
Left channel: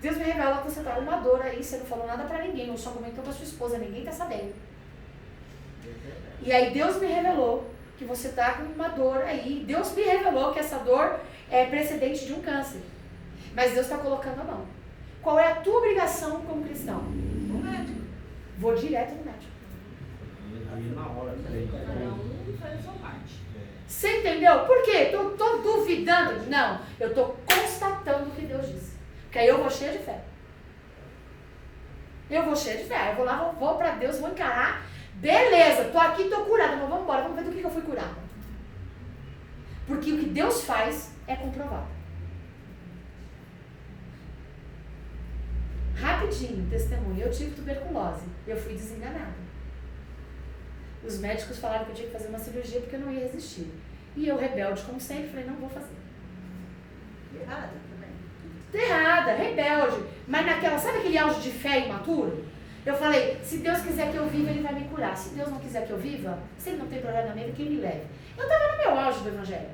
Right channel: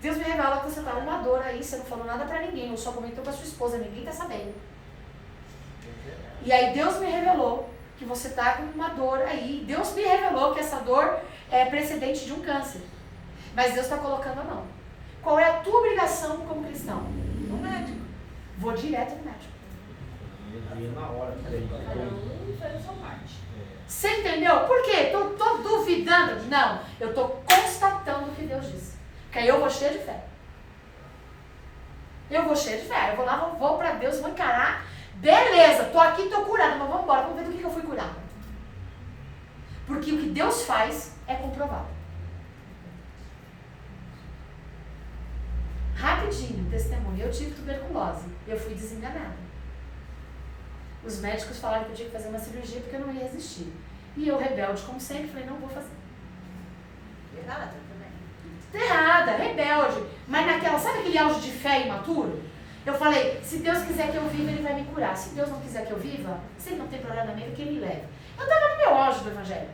Deus me revela que você tá uma dor aí, você não falou nada pra ninguém, ou só comentou com a sua esposa, ninguém tá sabendo. E aí Deus me revelou que você tá com uma dor aí. Deus me revelou que essa dor é precedente de um câncer. Mas Deus está colocando a mão. Qual é a tua obrigação como cristão? No médico. Vou direto no médico. Na hora, Cada um faz a sua parte. Você entendeu? Por quê? Tô duvidando? Não. Eu tô constatando o que Deus disse. Porque aí eu vou cheia de fé. Eu vou cheia de fé. Eu vou lá, vou pra Deus, vou encarar. Beleza, tô aqui, tô curada, mas vamos embora, vamos ver do que eu fui curada. Porque o que Deus faz é comprovado. Rapidinho, testemunho. Eu tive tuberculose. Eu fui desenganada. Os médicos falaram que eu tinha que fazer uma cirurgia porque eu não ia resistir. E eu, rebelde como sempre, falei, não vou fazer. Errada também. Errada, rebelde. Mas naquela, sabe aquele auge de fé imaturo? Eu falei, se Deus quiser que eu viva, Ele vai me curar. Se Deus não quiser que eu viva, se Ele não tem problema nele, que Ele me leve. Eu estava no meu auge do Evangelho.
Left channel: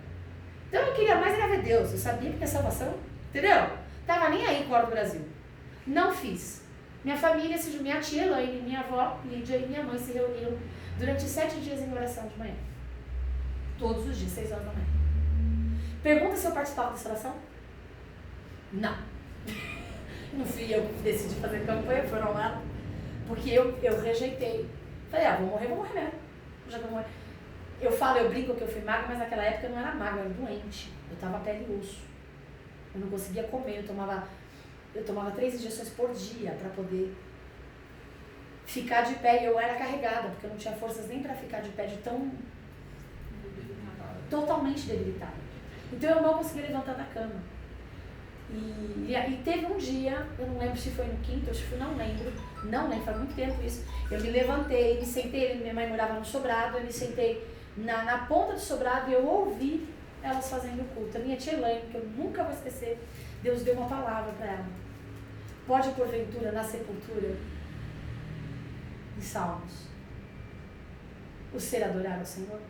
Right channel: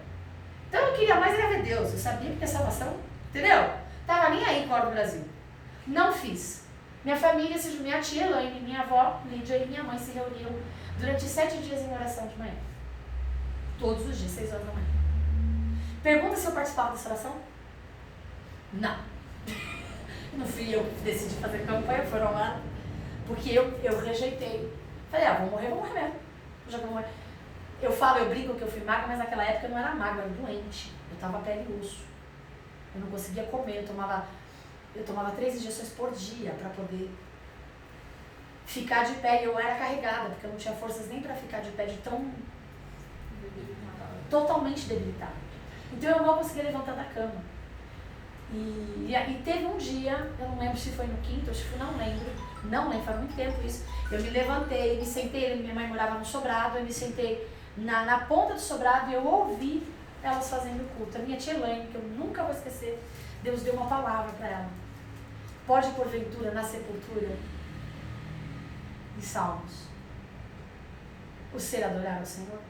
Então eu queria mais era ver Deus. Eu sabia que a salvação, entendeu? Tava nem aí com a hora do Brasil. Não fiz. Minha família, minha tia Elaine, minha avó Lídia e minha mãe se reuniram durante 7 dias em oração de manhã. Todos os dias, 6 horas da manhã. Pergunta se eu participava dessa oração? Não. Não fui eu que decidi fazer campanha, foram lá. Porque eu rejeitei. Falei, vou morrer mesmo. Já que eu vou morrer. Eu brinco que eu fui magra, mas naquela época eu não era magra, eu era doente. Eu tava pele e osso. Eu não conseguia comer, eu tomava 3 injeções por dia para poder ficar de pé. E eu era carregada, porque eu não tinha forças nem para ficar de pé, de tão totalmente debilitada. Então eu mal conseguia levantar da cama. E teve um dia, eu não lembro se foi no quinto, ou se foi, não lembro, faz muito tempo isso. Eu me levantei, me sentei, minha mãe morava no sobrado, eu me sentei na ponta do sobrado e eu ouvi elas fazendo culto. A minha tia Elaine, que eu nunca vou esquecer, Deus deu uma palavra para ela. Pode, porventura, na sepultura de Salmos, o ser adorar ao Senhor?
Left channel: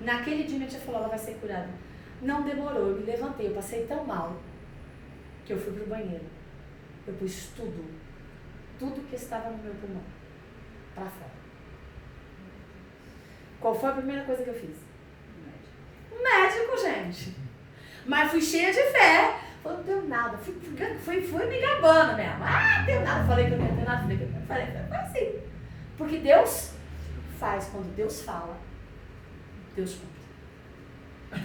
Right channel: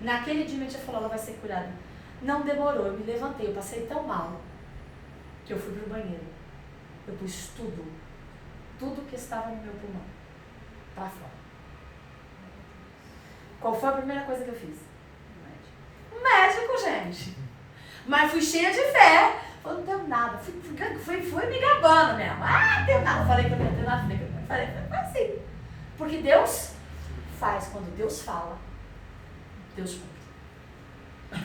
Naquele dia minha tia falou, ela vai ser curada. Não demorou, eu me levantei, eu passei tão mal que eu fui pro banheiro. Eu pus tudo que estava no meu pulmão para fora. Qual foi a primeira coisa que eu fiz? Médico, gente. Mas fui cheia de fé. Falei, não tenho nada. Fui me gabando mesmo. Não tenho nada. Falei que eu não tenho nada. Falei, foi assim. Porque Deus faz. Quando Deus fala, Deus cumpre.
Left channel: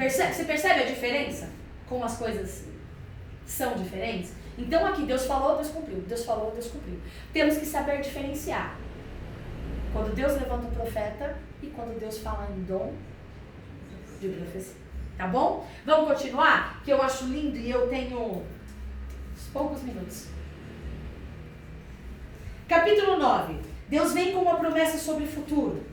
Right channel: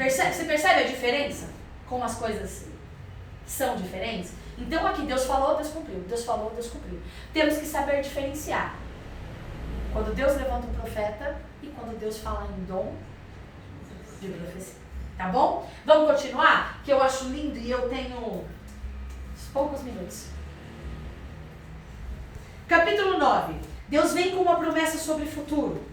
Você percebe a diferença? Como as coisas são diferentes? Então aqui, Deus falou, Deus cumpriu. Deus falou, Deus cumpriu. Temos que saber diferenciar. Quando Deus levanta um profeta e quando Deus fala em dom de profecia. Tá bom? Vamos continuar? Que eu acho lindo e eu tenho poucos minutos. Capítulo 9. Deus vem com uma promessa sobre o futuro.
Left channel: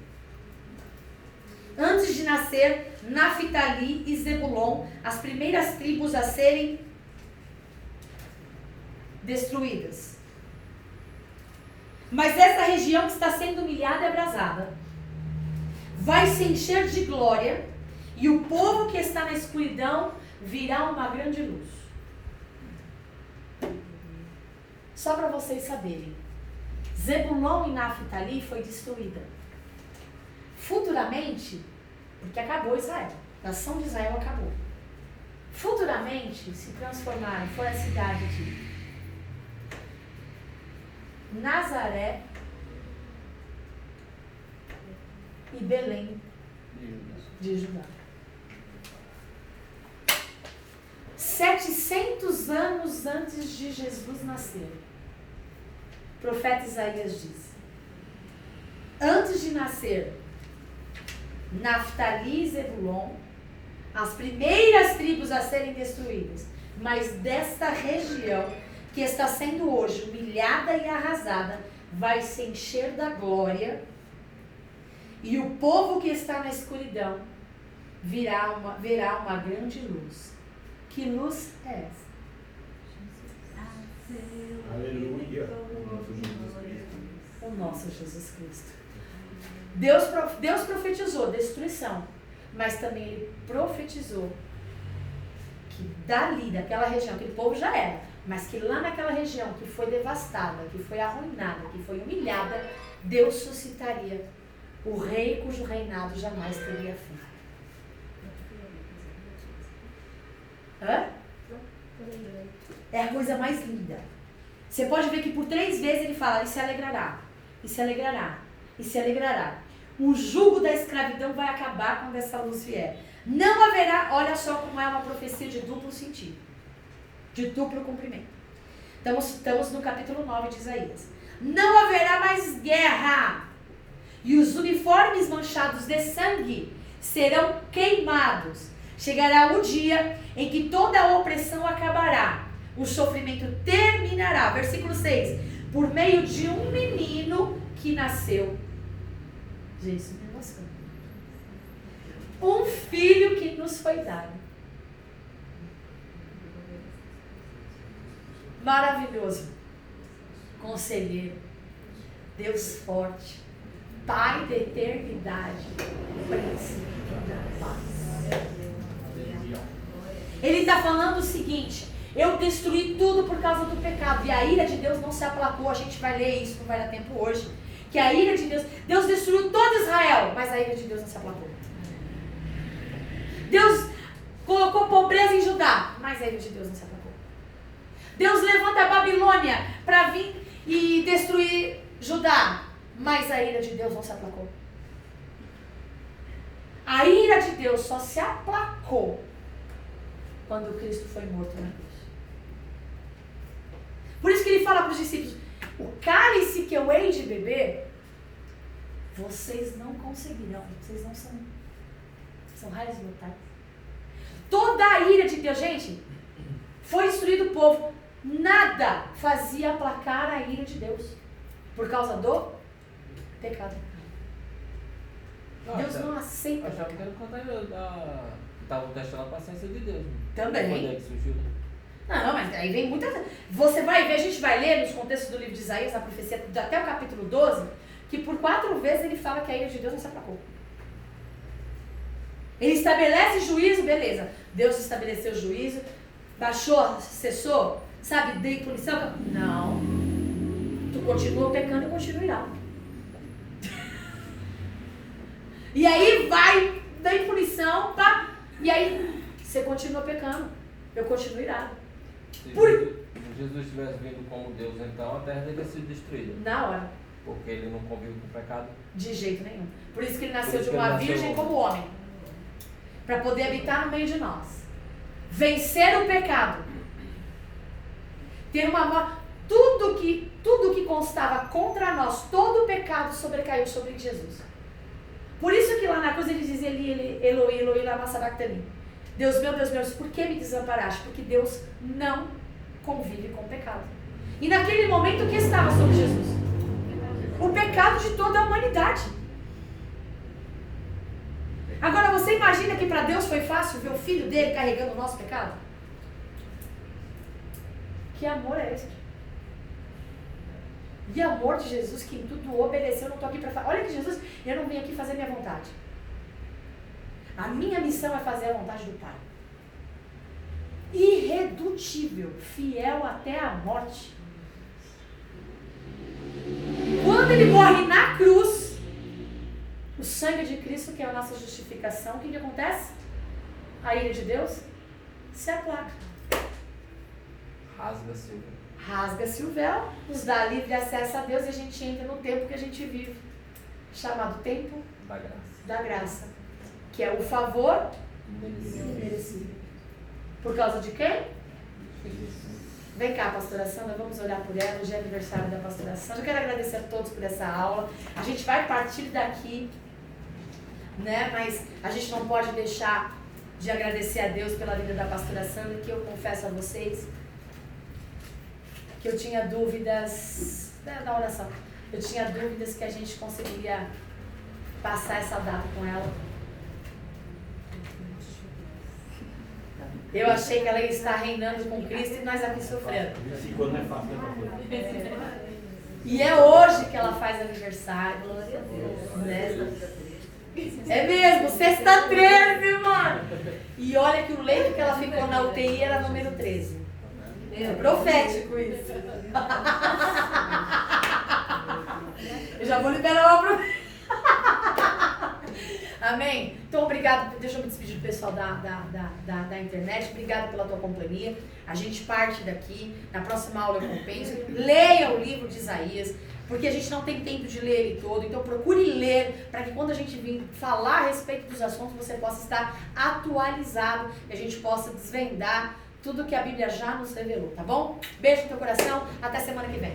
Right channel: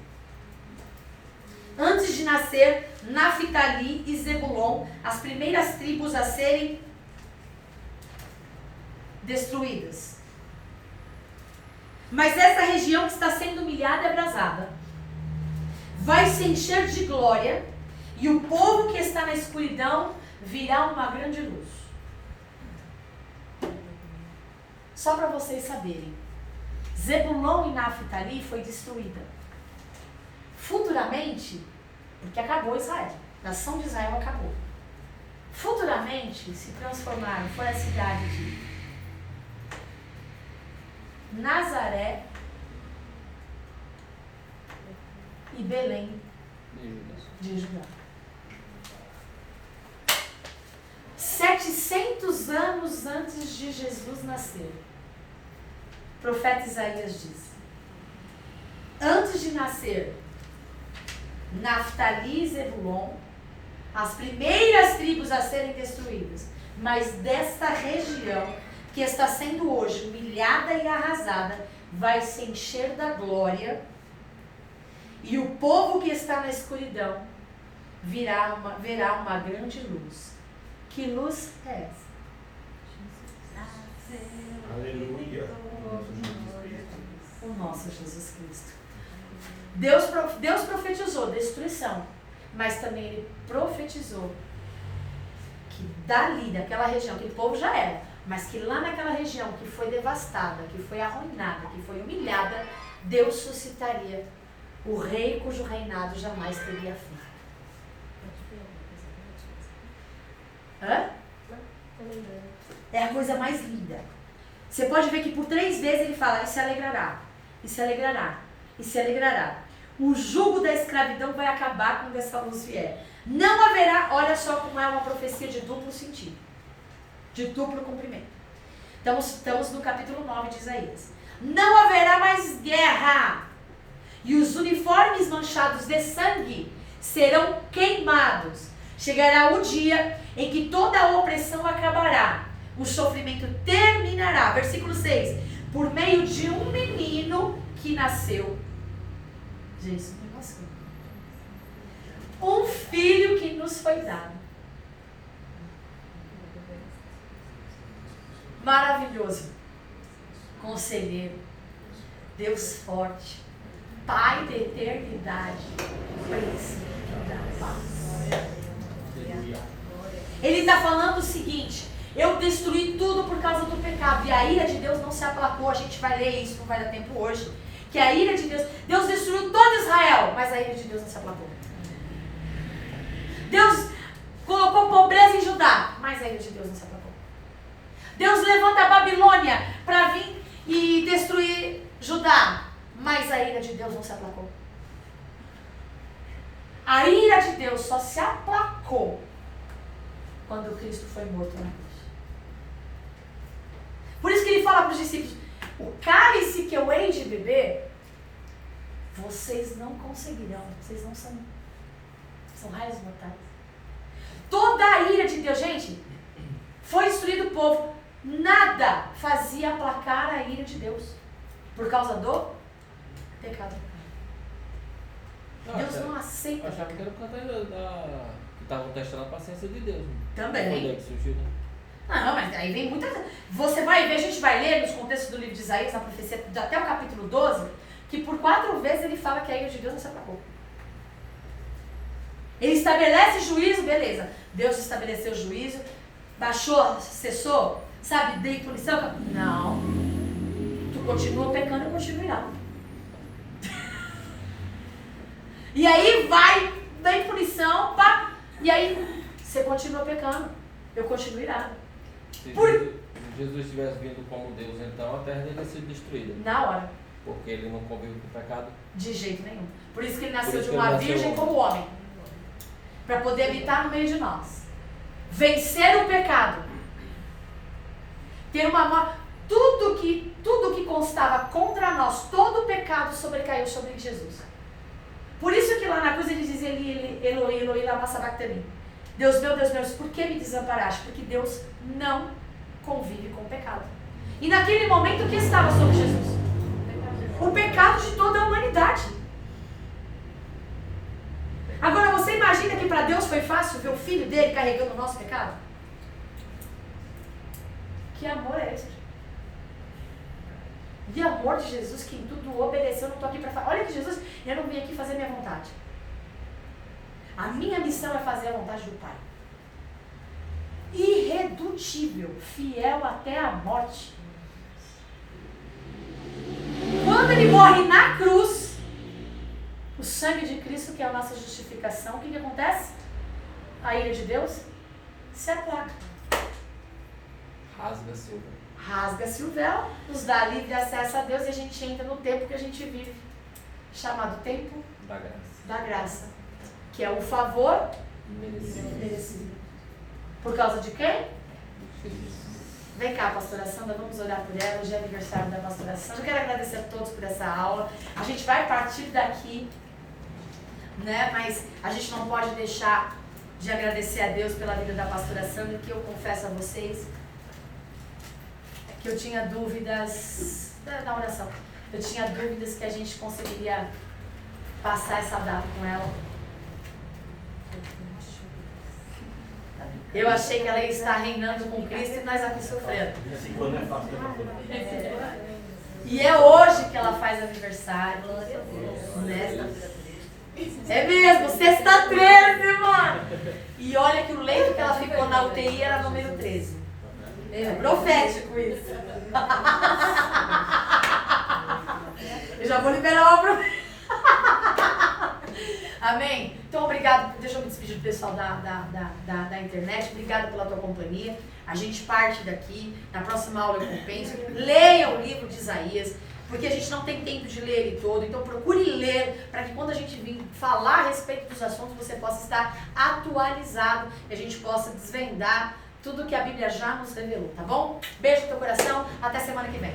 Antes de nascer, Naftali e Zebulon, as primeiras tribos a serem destruídas. Mas essa região que está sendo humilhada e abrasada vai se encher de glória, e o povo que está na escuridão virá uma grande luz. Só para vocês saberem. Zebulon e Naftali foi destruída. Futuramente, porque acabou Israel. A nação de Israel acabou. Futuramente se transformaram, foi a cidade de Nazaré e Belém de Judá. 700 anos antes de Jesus nascer, o profeta Isaías diz: antes de nascer Naftali e Zebulon, as primeiras tribos a serem destruídas, mas desta região que está sendo hoje humilhada e arrasada, vai se encher da glória, e o povo que está na escuridão verá uma grande luz. Que luz é essa? Aleluia. O nosso Jesus Cristo. Deus profetizou destruição, mas também ele profetizou que dali, daquela região, aquele povo já era, mas que lá naquela região que foi devastada, que foi arruinada, que foi humilhada, Deus suscitaria o rei cujo reinado jamais teria fim. Hã? É a coisa mais linda. Você pode ver que por 3 vezes ele fala: e se alegrará, e se alegrará, e se alegrará. O jugo da escravidão vai acabar quando essa luz vier. Não haverá, olha só como é uma profecia de duplo sentido, de duplo cumprimento. Estamos no capítulo 9 de Isaías. Não haverá mais guerra, e os uniformes manchados de sangue serão queimados. Chegará o dia em que toda a opressão acabará, o sofrimento terminará. Versículo 6. Por meio de um menino que nasceu. Jesus, me emociona. Um filho que nos foi dado. Maravilhoso. Conselheiro. Deus forte. Pai da eternidade. Príncipe da paz. Ele está falando o seguinte: eu destruí tudo por causa do pecado, e a ira de Deus não se aplacou. A gente vai ler isso, não vai dar tempo hoje. Que a ira de Deus destruiu todo Israel, mas a ira de Deus não se aplacou. Deus colocou pobreza em Judá, mas a ira de Deus não se aplacou. Deus levanta a Babilônia para vir e destruir Judá, mas a ira de Deus não se aplacou. A ira de Deus só se aplacou quando Cristo foi morto na cruz. Por isso que ele fala para os discípulos: o cálice que eu hei de beber, vocês não conseguirão. Vocês não são raios mortais. Toda a ira de Deus, gente, foi destruído o povo. Nada fazia aplacar a ira de Deus por causa do pecado. Deus não aceita. Eu achava que era por causa que estavam testando a paciência de Deus. Também. Foi daí que surgiu, né? Não, mas aí vem muita... Você vai ver, a gente vai ler nos contextos do livro de Isaías, na profecia, até o capítulo 12, que por 4 vezes ele fala que a ira de Deus não se aplacou. Ele estabelece juízo, beleza. Deus estabeleceu juízo, baixou, cessou, sabe, dei punição. Não. Tu continua pecando e continua irado. E aí vem punição, pá, e aí você continua pecando, eu continuo irado. Se Jesus tivesse vindo como Deus, então a terra deveria ser destruída. Na hora. Porque ele não convive com o pecado. De jeito nenhum. Por isso que ele nasceu de uma virgem como homem. Para poder habitar no meio de nós. Vencer o pecado. Ter uma... Tudo que constava contra nós, todo o pecado sobrecaiu sobre Jesus. Por isso que lá na cruz ele dizia: Eloi, Eloi, lama sabachthani. Deus meu, por que me desamparaste? Porque Deus não convive com o pecado. E naquele momento, o que estava sobre Jesus? O pecado de toda a humanidade. Agora, você imagina que para Deus foi fácil ver o filho dele carregando o nosso pecado? Que amor é esse? E amor de Jesus que em tudo obedeceu. Eu não estou aqui para falar. Olha que Jesus, eu não vim aqui fazer minha vontade. A minha missão é fazer a vontade do Pai. irredutível, fiel até a morte. Quando ele morre na cruz, o sangue de Cristo, que é a nossa justificação, o que acontece? A ira de Deus se apaga. Rasga-se o véu. Rasga-se o véu, nos dá livre acesso a Deus e a gente entra no tempo que a gente vive, chamado tempo Da graça. da graça, que é o favor Merecido. merecido. Por causa de quem? Vem cá, pastora Sandra, vamos olhar por ela. Hoje é aniversário da pastora Sandra. Eu quero agradecer a todos por essa aula. A gente vai partir daqui, né? Mas a gente não pode deixar de agradecer a Deus pela vida da pastora Sandra, que eu confesso a vocês que eu tinha dúvidas da oração. Eu tinha dúvidas que a gente conseguiria passar essa data com ela. Eu achei que ela ia estar reinando com Cristo e nós aqui sofrendo. 5 anos é fácil, né? E é hoje que ela faz aniversário. Né? É mesmo, sexta 13, mano. E olha que o leito que ela ficou na UTI era número 13. É profético isso. Eu já vou liberar uma profecia. Amém? Então, obrigado. Deixa eu me despedir do pessoal da internet. Obrigado pela tua companhia. A gente parte daqui. Na próxima aula eu compenso. Leia o livro de Isaías, porque a gente não tem tempo de ler ele todo. Então, procure ler, para que quando a gente vir falar a respeito dos assuntos, você possa estar atualizado e a gente possa desvendar tudo que a Bíblia já nos revelou, tá bom? Beijo no teu coração. Até semana que vem.